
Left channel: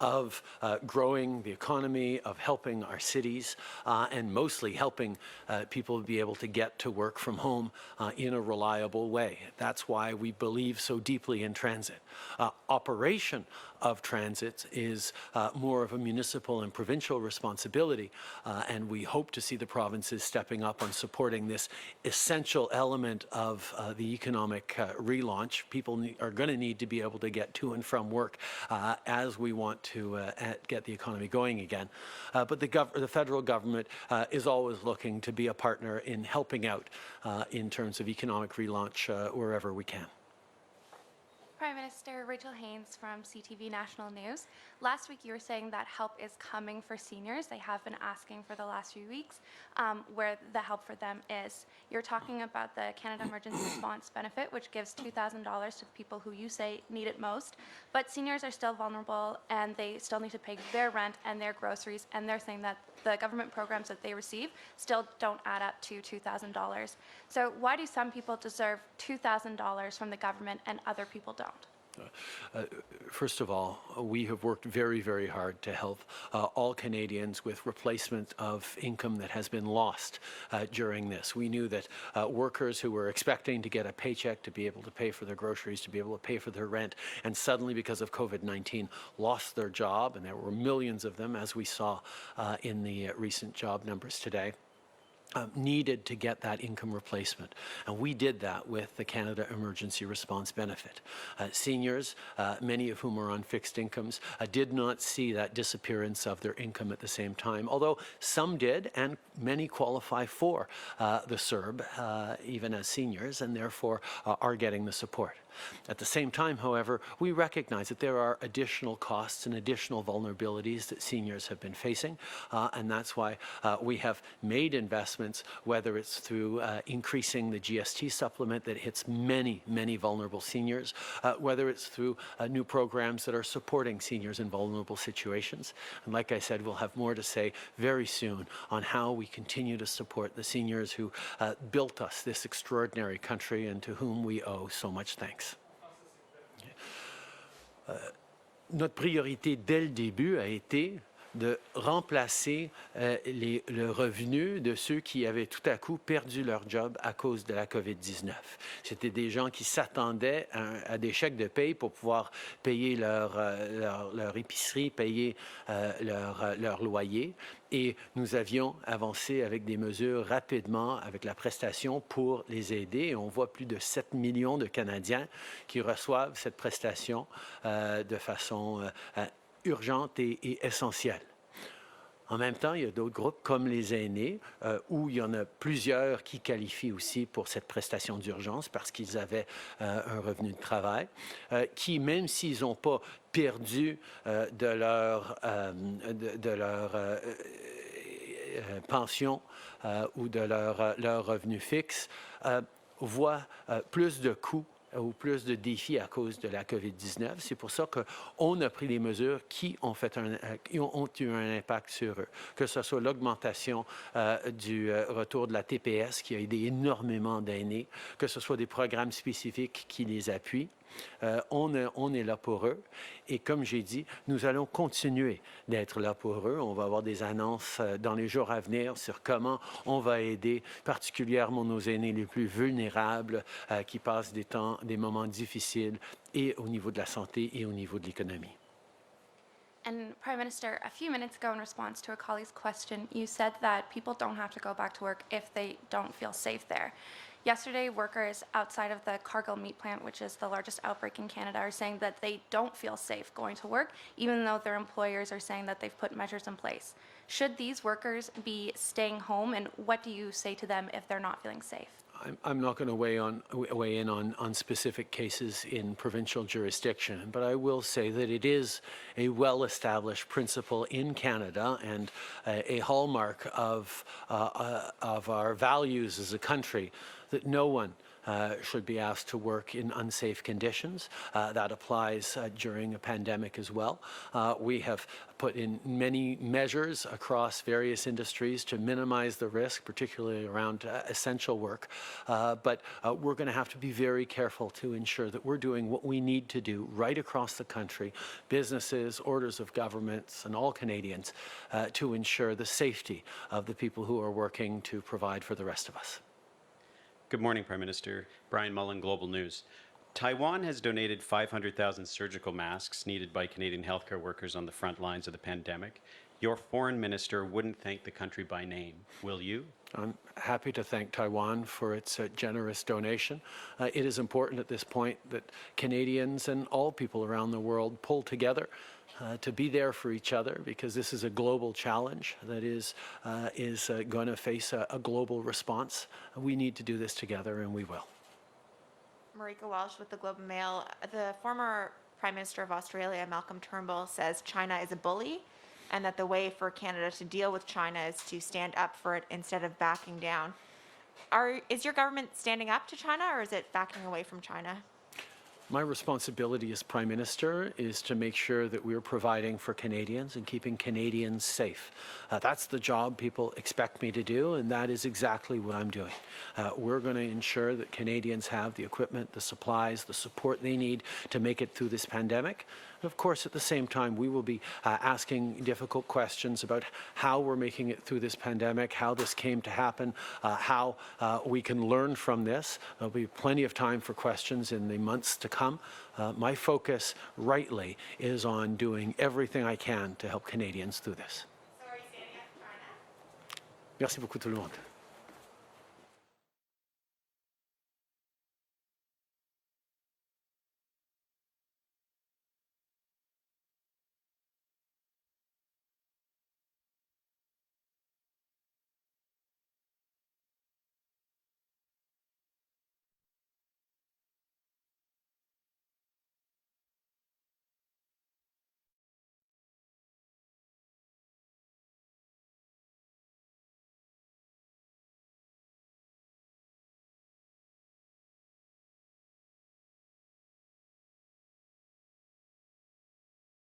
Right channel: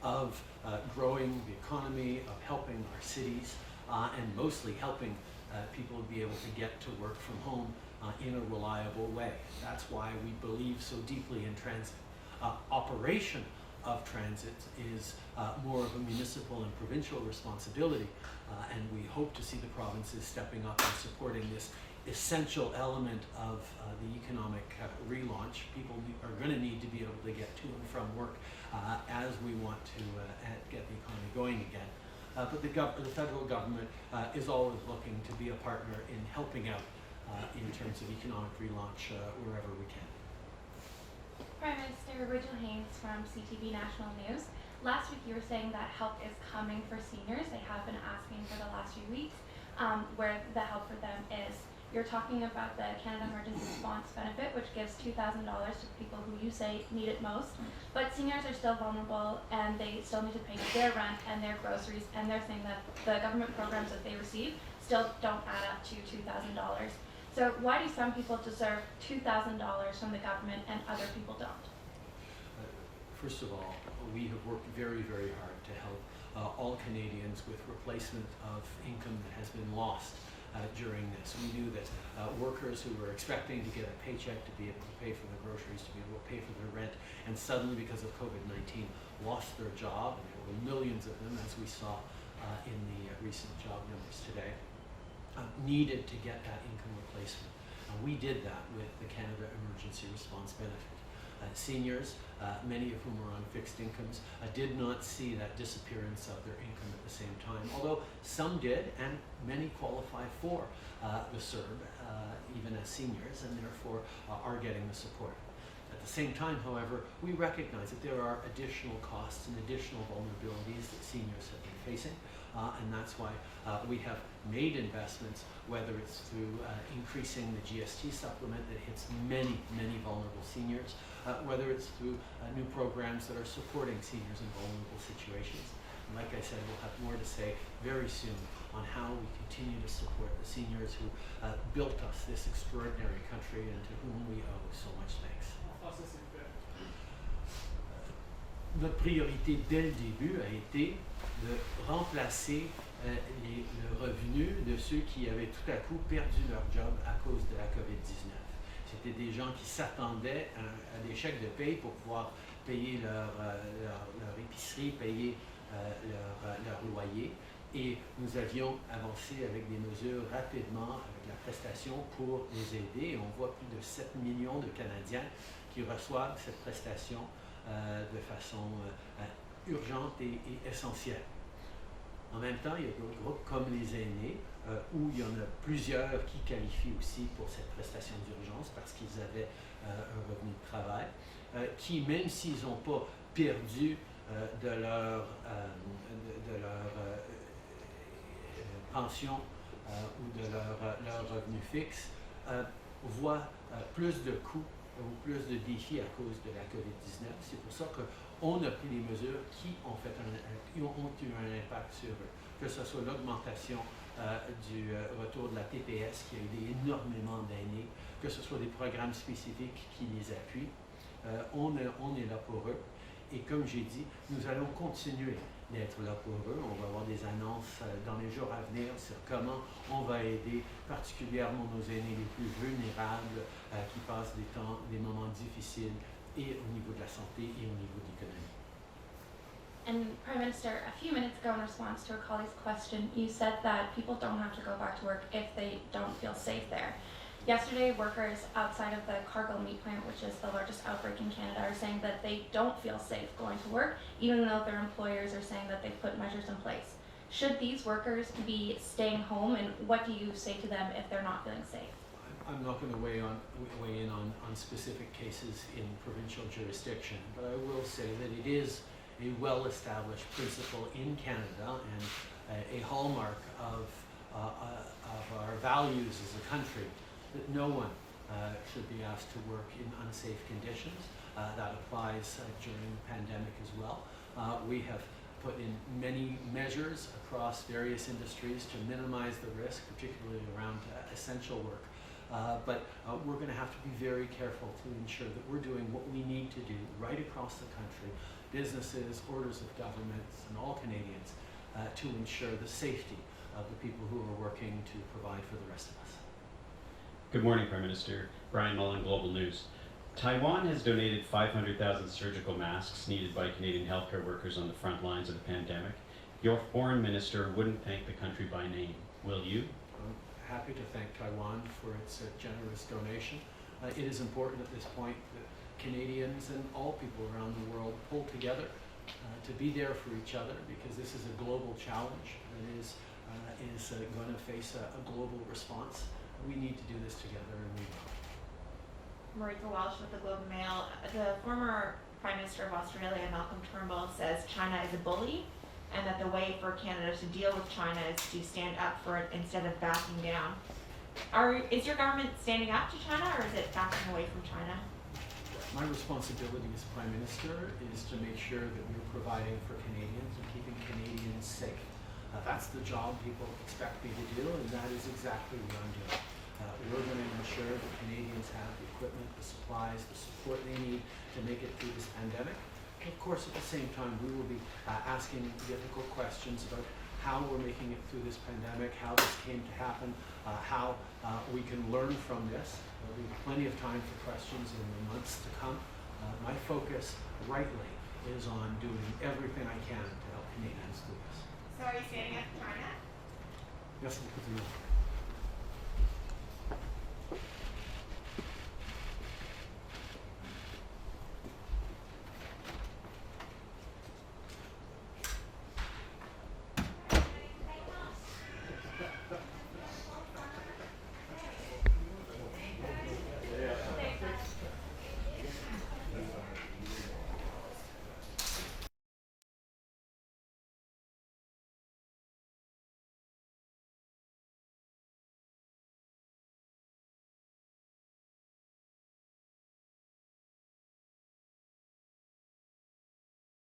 of growing the economy, of helping our cities, and mostly helping people be able to get to work from home in a reliable way. That's why we believe so deeply in transit. Operation of transit is more of a municipal and provincial responsibility, and we hope to see the provinces stepping up and supporting this essential element of the economic relaunch. People are going to need to be able to get to and from work as we want to get the economy going again. But the federal government is always looking to be a partner in helping out in terms of economic relaunch wherever we can. Prime Minister Rachel Haynes from CTV National News. Last week you were saying that help is coming for seniors. They have been asking for the last few weeks. where the help for them is. You're talking about the Canada Emergency Response Benefit, which gives $2,000 to people who you say need it most, but seniors are still vulnerable and they still need to pay their rent and their groceries, and they're saying that the government programs that they receive still don't add up to $2,000. So why do some people deserve $2,000 from the government and other people don't? First of all, we have worked very, very hard to help all Canadians with replacement of income that has been lost during this. We knew that workers who were expecting to get a paycheck to be able to pay for their groceries, to be able to pay for their rent, and suddenly because of COVID-19 lost their job, and there were millions of them, as we saw in the recent job numbers today. Needed to get that income replacement. And we did that with the Canada Emergency Response Benefit. Seniors, many of whom are on fixed incomes, did not see that disappearance of their income at the same time, although some did, and many qualify for the CERB, even as seniors, and therefore are getting the support. At the same time, however, we recognize that there are additional costs and additional vulnerabilities that seniors have been facing, and that's why we have made investments, whether it's through increasing the GST supplement that hits many, many vulnerable seniors, whether it's through new programs that are supporting seniors in vulnerable situations. And like I said, we'll have more to say very soon on how we continue to support the seniors who built us this extraordinary country and to whom we owe so much thanks. Notre priorité dès le début a été de remplacer le revenu de ceux qui avaient tout à coup perdu leur job à cause de la COVID-19. C'était des gens qui s'attendaient à des chèques de paye pour pouvoir payer leur épicerie, payer leur loyer. Et nous avions avancé avec des mesures rapidement avec la prestation pour les aider. Et on voit plus de 7 millions de Canadiens qui reçoivent cette prestation de façon urgente et essentielle. En même temps, il y a d'autres groupes comme les aînés où il y en a plusieurs qui qualifient aussi pour cette prestation d'urgence parce qu'ils avaient un revenu de travail, qui, même s'ils n'ont pas perdu de leur pension ou de leur revenu fixe, voient plus de coûts ou plus de défis à cause de la COVID-19. C'est pour ça qu'on a pris des mesures qui ont eu un impact sur eux, que ce soit l'augmentation du retour de la TPS qui a aidé énormément d'aînés, que ce soit des programmes spécifiques qui les appuient. On est là pour eux. Et comme j'ai dit, nous allons continuer d'être là pour eux. On va avoir des annonces dans les jours à venir sur comment on va aider particulièrement nos aînés les plus vulnérables qui passent des moments difficiles et au niveau de la santé et au niveau de l'économie. And Prime Minister, a few minutes ago in response to a colleague's question, you said that people don't have to go back to work if they don't feel safe there. Yesterday, workers outside of the Cargill meat plant, which is the largest outbreak in Canada, are saying that they don't feel safe going to work, even though their employers are saying that they've put measures in place. Should these workers be staying home, and what do you say to them if they're not feeling safe? I'm not going to weigh in on specific cases in provincial jurisdiction, but I will say that it is a well-established principle in Canada and a hallmark of our values as a country that no one should be asked to work in unsafe conditions. That applies during a pandemic as well. We have put in many measures across various industries to minimize the risk, particularly around essential work. But we're going to have to be very careful to ensure that we're doing what we need to do right across the country, businesses, orders of governments, and all Canadians, to ensure the safety of the people who are working to provide for the rest of us. Good morning, Prime Minister. Brian Mullen, Global News. Taiwan has donated 500,000 surgical masks needed by Canadian healthcare workers on the front lines of the pandemic. Your foreign minister wouldn't thank the country by name. Will you? I'm happy to thank Taiwan for its generous donation. It is important at this point that Canadians and all people around the world pull together to be there for each other, because this is a global challenge that is going to face a global response. We need to do this together, and we will. Marika Walsh with the Globe and Mail. The former Prime Minister of Australia, Malcolm Turnbull, says China is a bully. and that the way for Canada to deal with China is to stand up for it instead of backing down. Is your government standing up to China, or is it backing away from China? My responsibility as Prime Minister is to make sure that we're providing for Canadians and keeping Canadians safe. That's the job people expect me to do, and that is exactly what I'm doing. We're going to ensure that Canadians have the equipment, the supplies, the support they need to make it through this pandemic. And of course, at the same time, we will be asking difficult questions about how we're making it through this pandemic, how this came to happen, how we can learn from this. There'll be plenty of time for questions in the months to come. My focus, rightly, is on doing everything I can to help Canadians through this. So are you standing up to China? Merci beaucoup tout le monde.